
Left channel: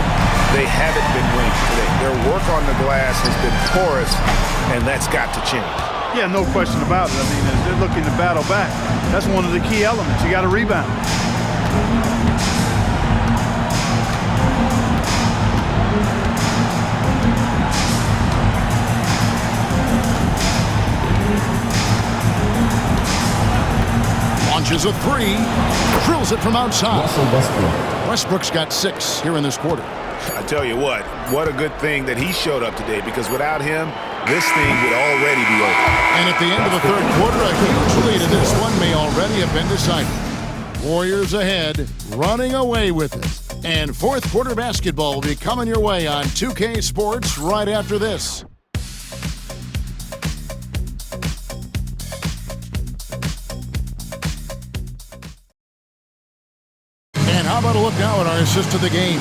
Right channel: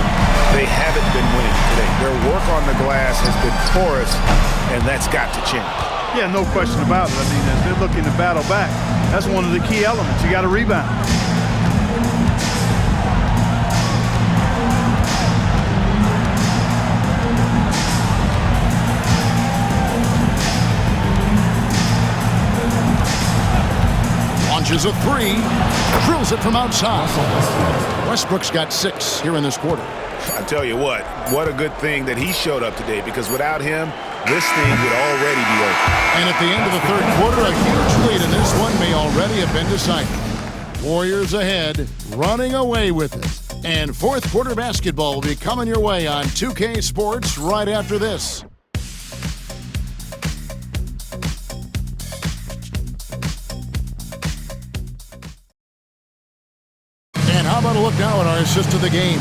they haven't been winning today. Their work on the glass has been porous, and that's got to change. Yeah, no question about it. I mean, as they're looking to battle back, that's one of the key elements. You got to rebound. Launches a three, drills it from outside. Westbrook's got 6 here in this quarter. I tell you what a good thing that he showed up today, because without him, this thing would already be over. And at the end of the third quarter, a huge lead in this one may already have been decided. Warriors ahead, running away with it. And fourth quarter basketball will be coming your way on 2K Sports right after this. And how about a look now at our assist of the game?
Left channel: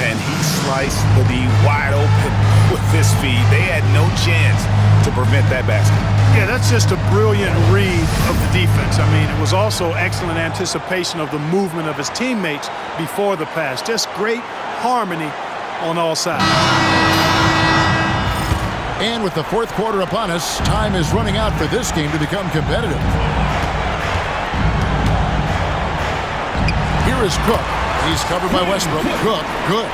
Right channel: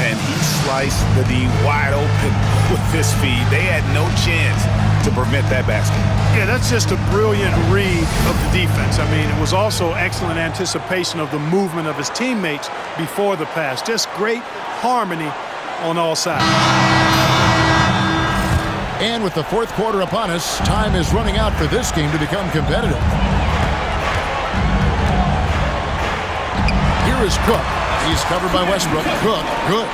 And he sliced the D wide open with this feed. They had no chance to prevent that basket. Yeah, that's just a brilliant read of the defense. I mean, it was also excellent anticipation of the movement of his teammates before the pass. Just great harmony on all sides. And with the fourth quarter upon us, time is running out for this game to become competitive. Here is Cook. He's covered by Westbrook. Cook, good.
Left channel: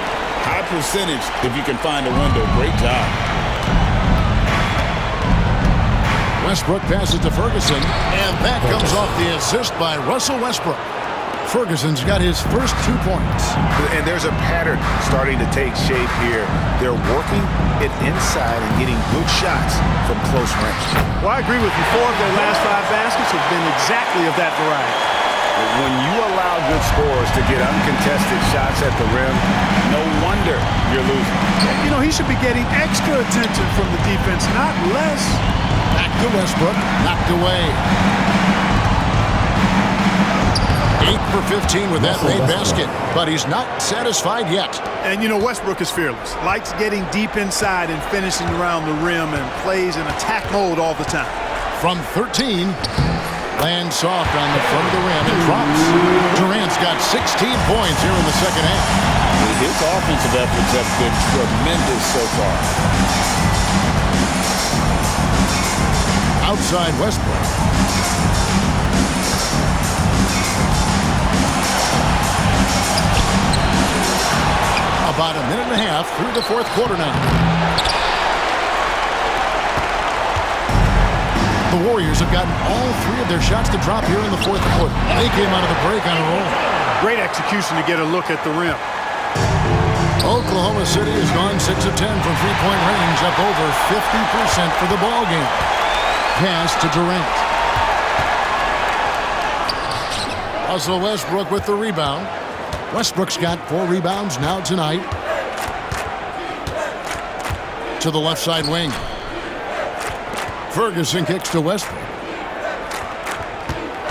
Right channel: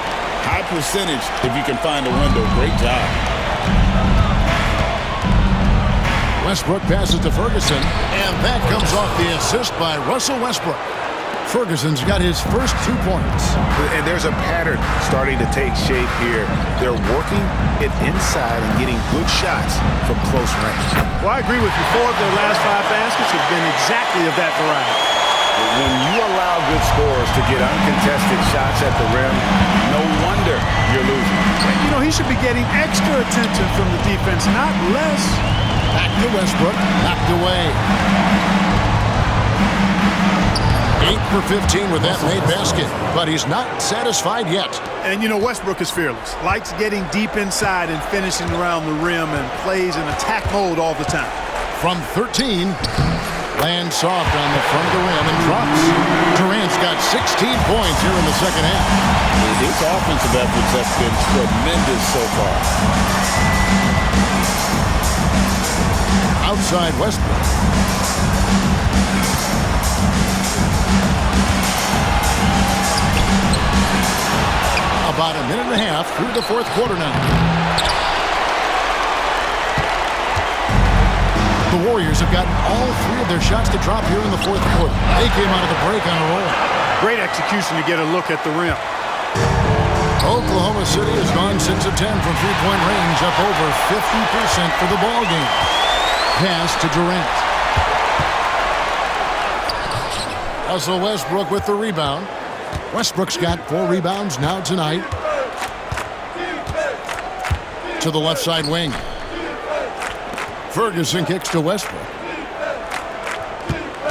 High percentage if you can find a window. Great job. Westbrook passes to Ferguson, and that comes off the assist by Russell Westbrook. Ferguson's got his first 2 points. And there's a pattern starting to take shape here. They're working it inside and getting good shots from close range. Well, I agree with you. 4 of their last 5 baskets have been exactly of that variety. When you allow good scorers to get uncontested shots at the rim, no wonder you're losing. You know, he should be getting extra attention from the defense, not less. Back to Westbrook, knocked away. 8 for 15 with that made basket, but he's not satisfied yet. And you know, Westbrook is fearless. Likes getting deep inside and finishing around the rim and plays in attack mode all the time. From 13, lands soft on the front of the rim and drops. Durant's got 16 points here in the second half. His offensive efforts have been tremendous so far. Outside Westbrook. About a minute and a half through the fourth quarter now. The Warriors have gotten all 3 of their shots to drop here in the fourth quarter. They came out of the break on a roll. Great execution to get a look at the rim. Oklahoma City has gone 6 of 10 from three-point range, up over 50% for the ball game. Pass to Durant. Russell Westbrook with the rebound. Westbrook's got 4 rebounds now tonight. To the left side wing. Ferguson kicks to Westbrook.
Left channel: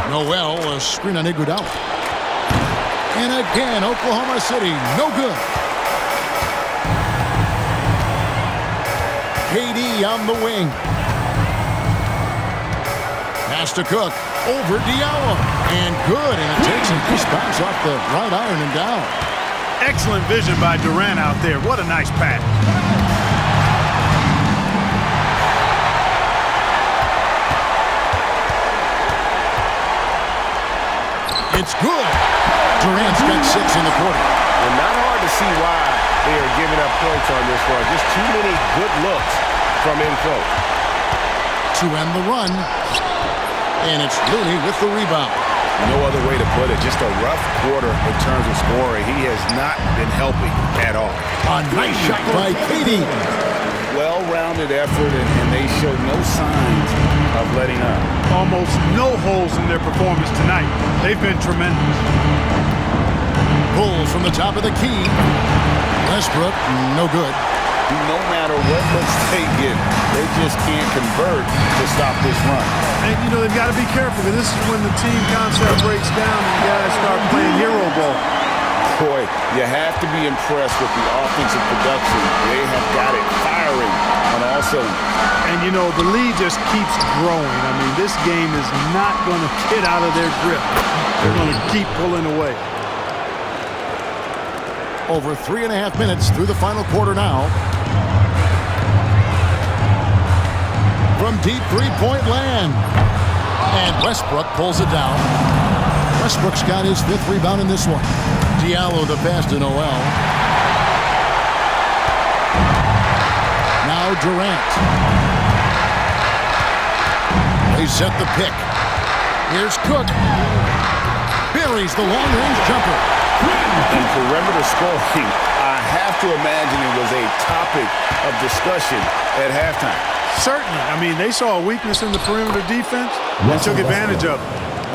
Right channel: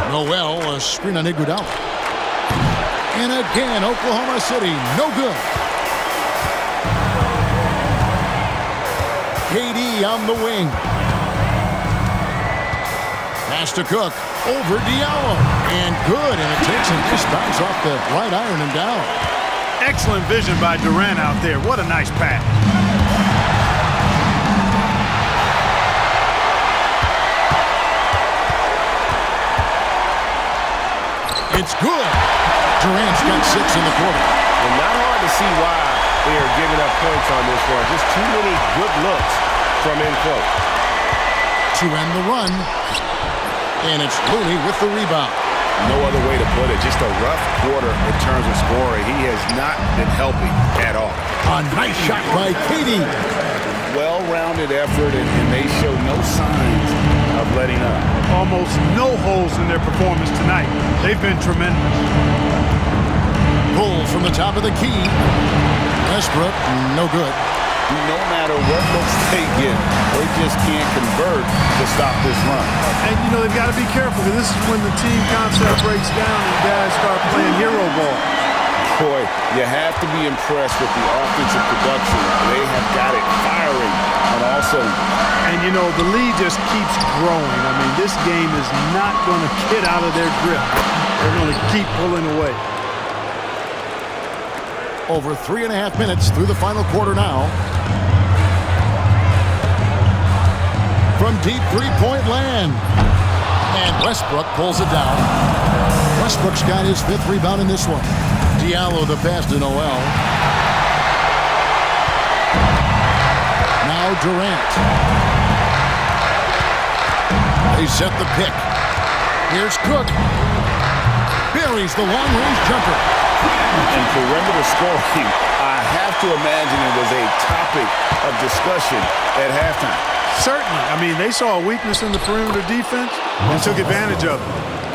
Noel, a screen on Iguodala. And again, Oklahoma City, no good. KD on the wing. Pass to Cook. Over Diallo. And good, and it takes a nice bounce off the right iron and down. Excellent vision by Durant out there. What a nice pass. It's good. Durant's got 6 in the quarter. Well, not hard to see why they are giving up points on this run. Just too many good looks from in close. To end the run. And it's Looney with the rebound. No other way to put it. Just a rough quarter in terms of scoring. He has not been helping at all. A nice shot by KD. Well-rounded effort, and they show no signs of letting up. Almost no holes in their performance tonight. They've been tremendous. Pulls from the top of the key. Westbrook, no good. No matter what looks they get, they just can't convert to stop this run. And, you know, they've got to be careful because this is when the team concept breaks down and guys start playing hero ball. Boy, you have to be impressed with the offensive production. They have got it firing on all cylinders. And, you know, the lead just keeps growing. I mean, this game is not going to get out of their grip. They're going to keep pulling away. Over 3.5 minutes through the final quarter now. From deep three-point land. And Westbrook pulls it down. Westbrook's got his 5th rebound in this one. Diallo the pass to Noel. Now Durant. They set the pick. Here's Cook. Buries the long-range jumper. And perimeter scoring, I have to imagine it was a topic of discussion at halftime. Certainly. I mean, they saw a weakness in the perimeter defense and took advantage of it.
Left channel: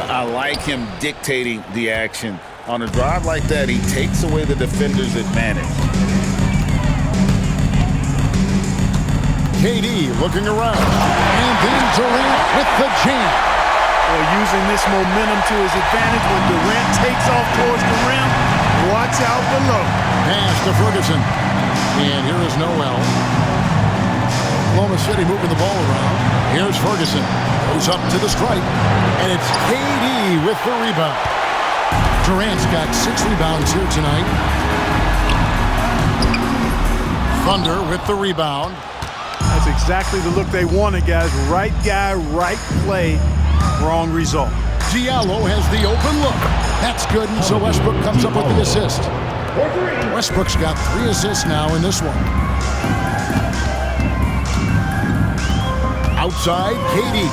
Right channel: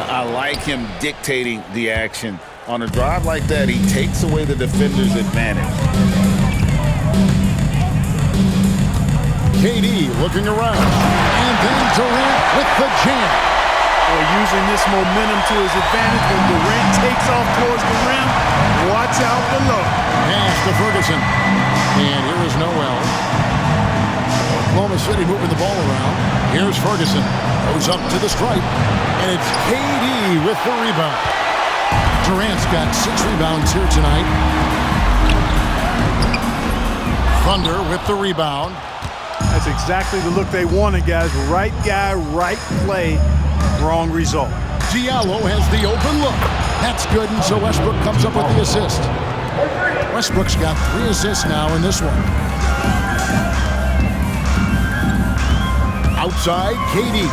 I like him dictating the action. On a drive like that, he takes away the defender's advantage. KD looking around. And then Durant with the jam. Boy, using this momentum to his advantage when Durant takes off towards the rim. Watch out below. Pass to Ferguson. And here is Noel. Oklahoma City moving the ball around. Here's Ferguson. Goes up to the stripe. And it's KD with the rebound. Durant's got 6 rebounds here tonight. Thunder with the rebound. That's exactly the look they wanted, guys. Right guy, right play, wrong result. Diallo has the open look. That's good, and so Westbrook comes up with the assist. Westbrook's got 3 assists now in this one. Outside, KD.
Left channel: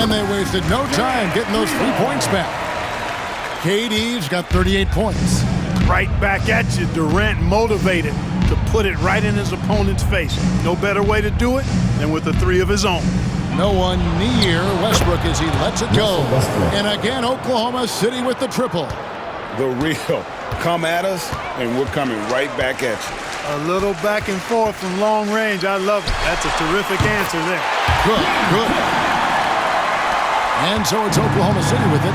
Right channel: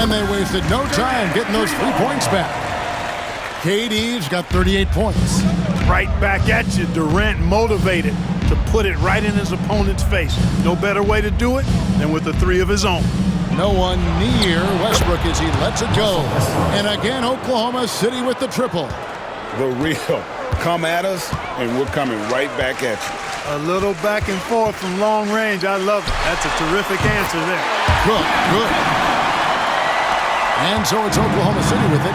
And they wasted no time getting those 3 points back. KD's got 38 points. Right back at you, Durant motivated to put it right in his opponent's face. No better way to do it than with a 3 of his own. No one near Westbrook as he lets it go. And again, Oklahoma City with the triple. The real. Come at us, and we're coming right back at you. A little back and forth from long range. I love it. That's a terrific answer there. Good. And so it's Oklahoma City with it.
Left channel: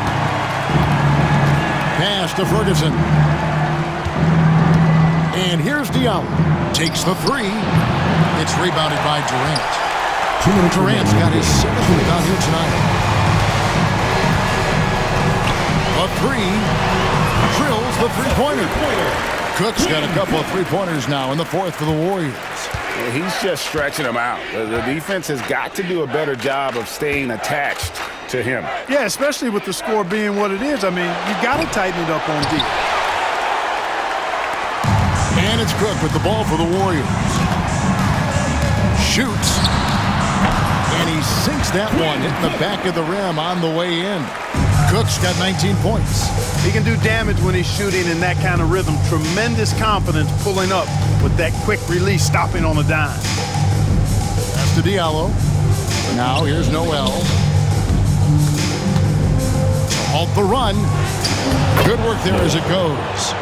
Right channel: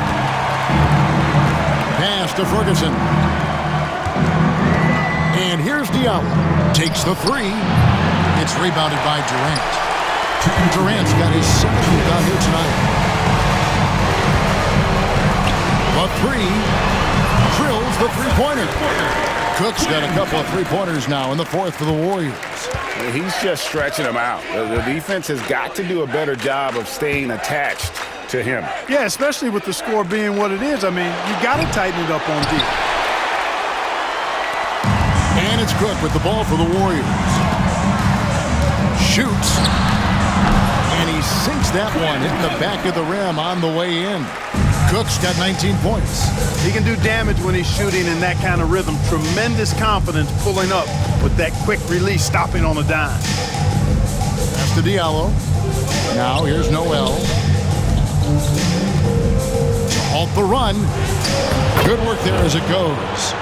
pass to Ferguson. And here's Diallo. Takes the three. It's rebounded by Durant. Durant's got his 7th rebound here tonight. The three. Drills the three-pointer. Cook's got a couple of three-pointers now in the 4th for the Warriors. He's just stretching them out. The defense has got to do a better job of staying attached to him. Yeah, especially with the score being what it is. I mean, you got to tighten it up on D. And it's Cook with the ball for the Warriors. Shoots. And he sinks that one, hitting the back of the rim on the way in. Cook's got 19 points. He can do damage when he's shooting in that kind of rhythm. Tremendous confidence pulling up with that quick release, stopping on a dime. Pass to Diallo. Now here's Noel. To halt the run. Good work there as it goes.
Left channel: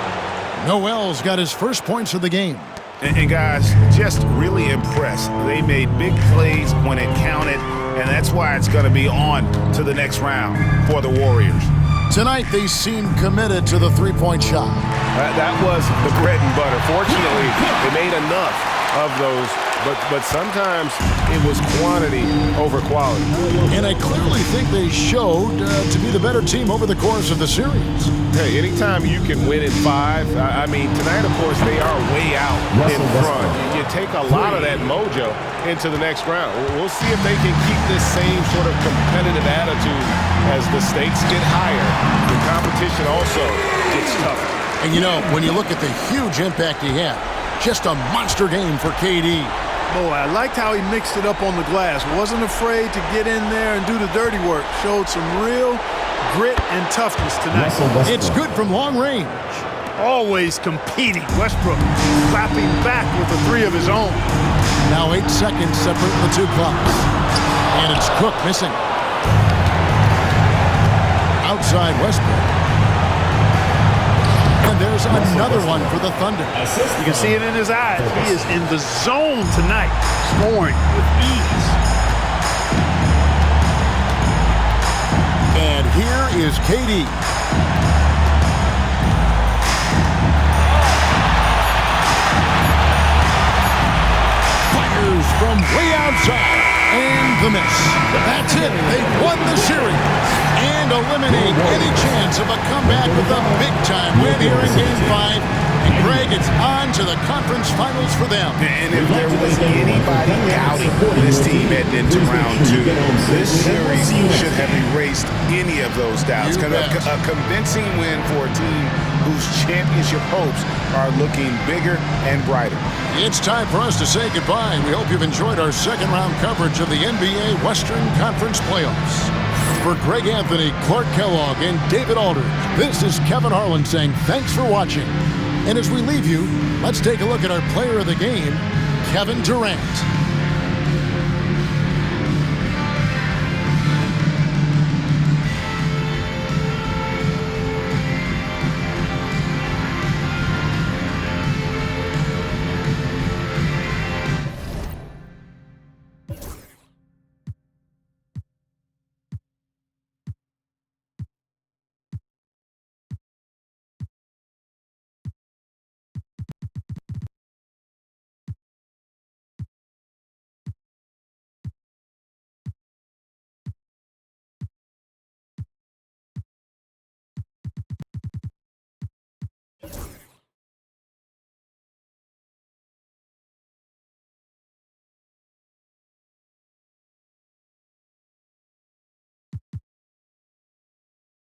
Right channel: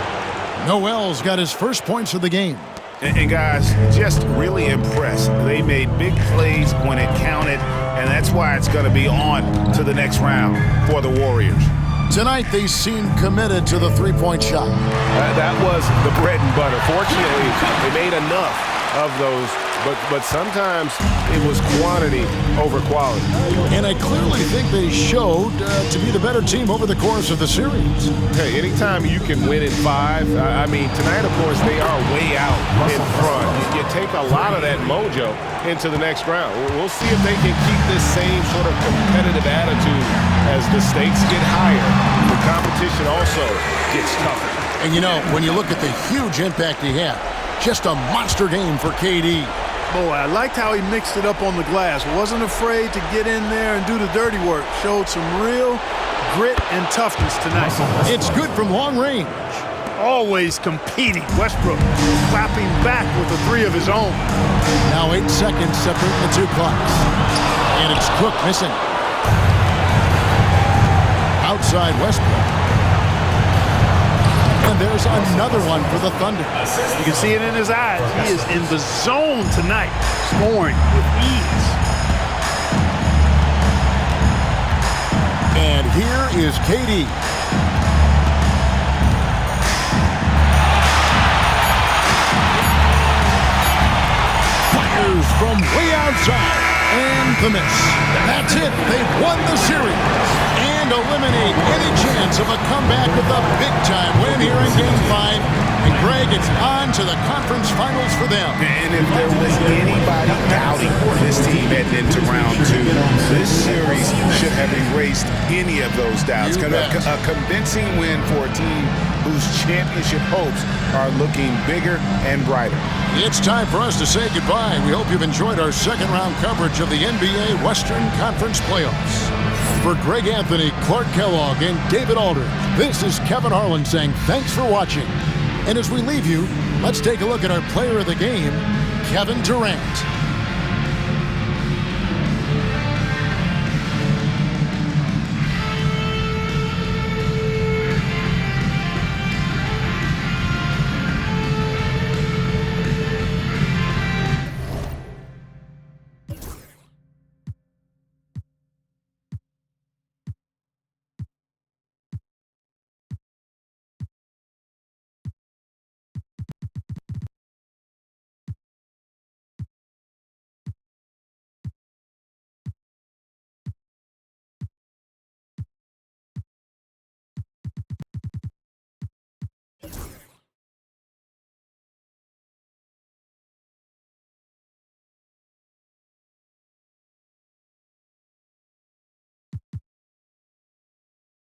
Noel's got his first points of the game. And guys, just really impressed. They made big plays when it counted, and that's why it's going to be on to the next round for the Warriors. Tonight, they seem committed to the three-point shot. That was the bread and butter. Fortunately, they made enough of those, but sometimes it was quantity over quality. And I clearly think they showed to be the better team over the course of the series. Hey, anytime you can win in 5, I mean, tonight, of course, they are way out in front. You take a lot of that mojo into the next round. We'll see if they can keep this same sort of competitive attitude as the stakes get higher. The competition also gets tougher. And, you know, when you look at the huge impact he had, just a monster game for KD. Boy, I liked how he mixed it up on the glass. Wasn't afraid to get in there and do the dirty work. Showed some real grit and toughness tonight. It's good from long range. Always competing. Westbrook clapping back with a 3 of his own. Now 8 seconds separating the two clocks. And it's Cook missing. Outside Westbrook. And there's another one for the Thunder. You can see it in his eyes. He is in the zone tonight, scoring with ease. And here is KD. Fires from way outside. And the miss. That's it. They've won the series and eliminate any chance of a comeback with a big-time win here in Game 5. And, Greg, it's on to the conference finals for them. And if there was anybody doubting this team heading into round 2, this series should have erased any of those doubts. A convincing win for a team whose championship hopes are looking bigger and brighter. It's time for us to say goodbye. We hope you've enjoyed our second-round coverage of the NBA Western Conference Playoffs. For Greg Anthony, Clark Kellogg, and David Aldridge, this is Kevin Harlan saying thanks for watching. And as we leave you, let's take a look at our player of the game, Kevin Durant.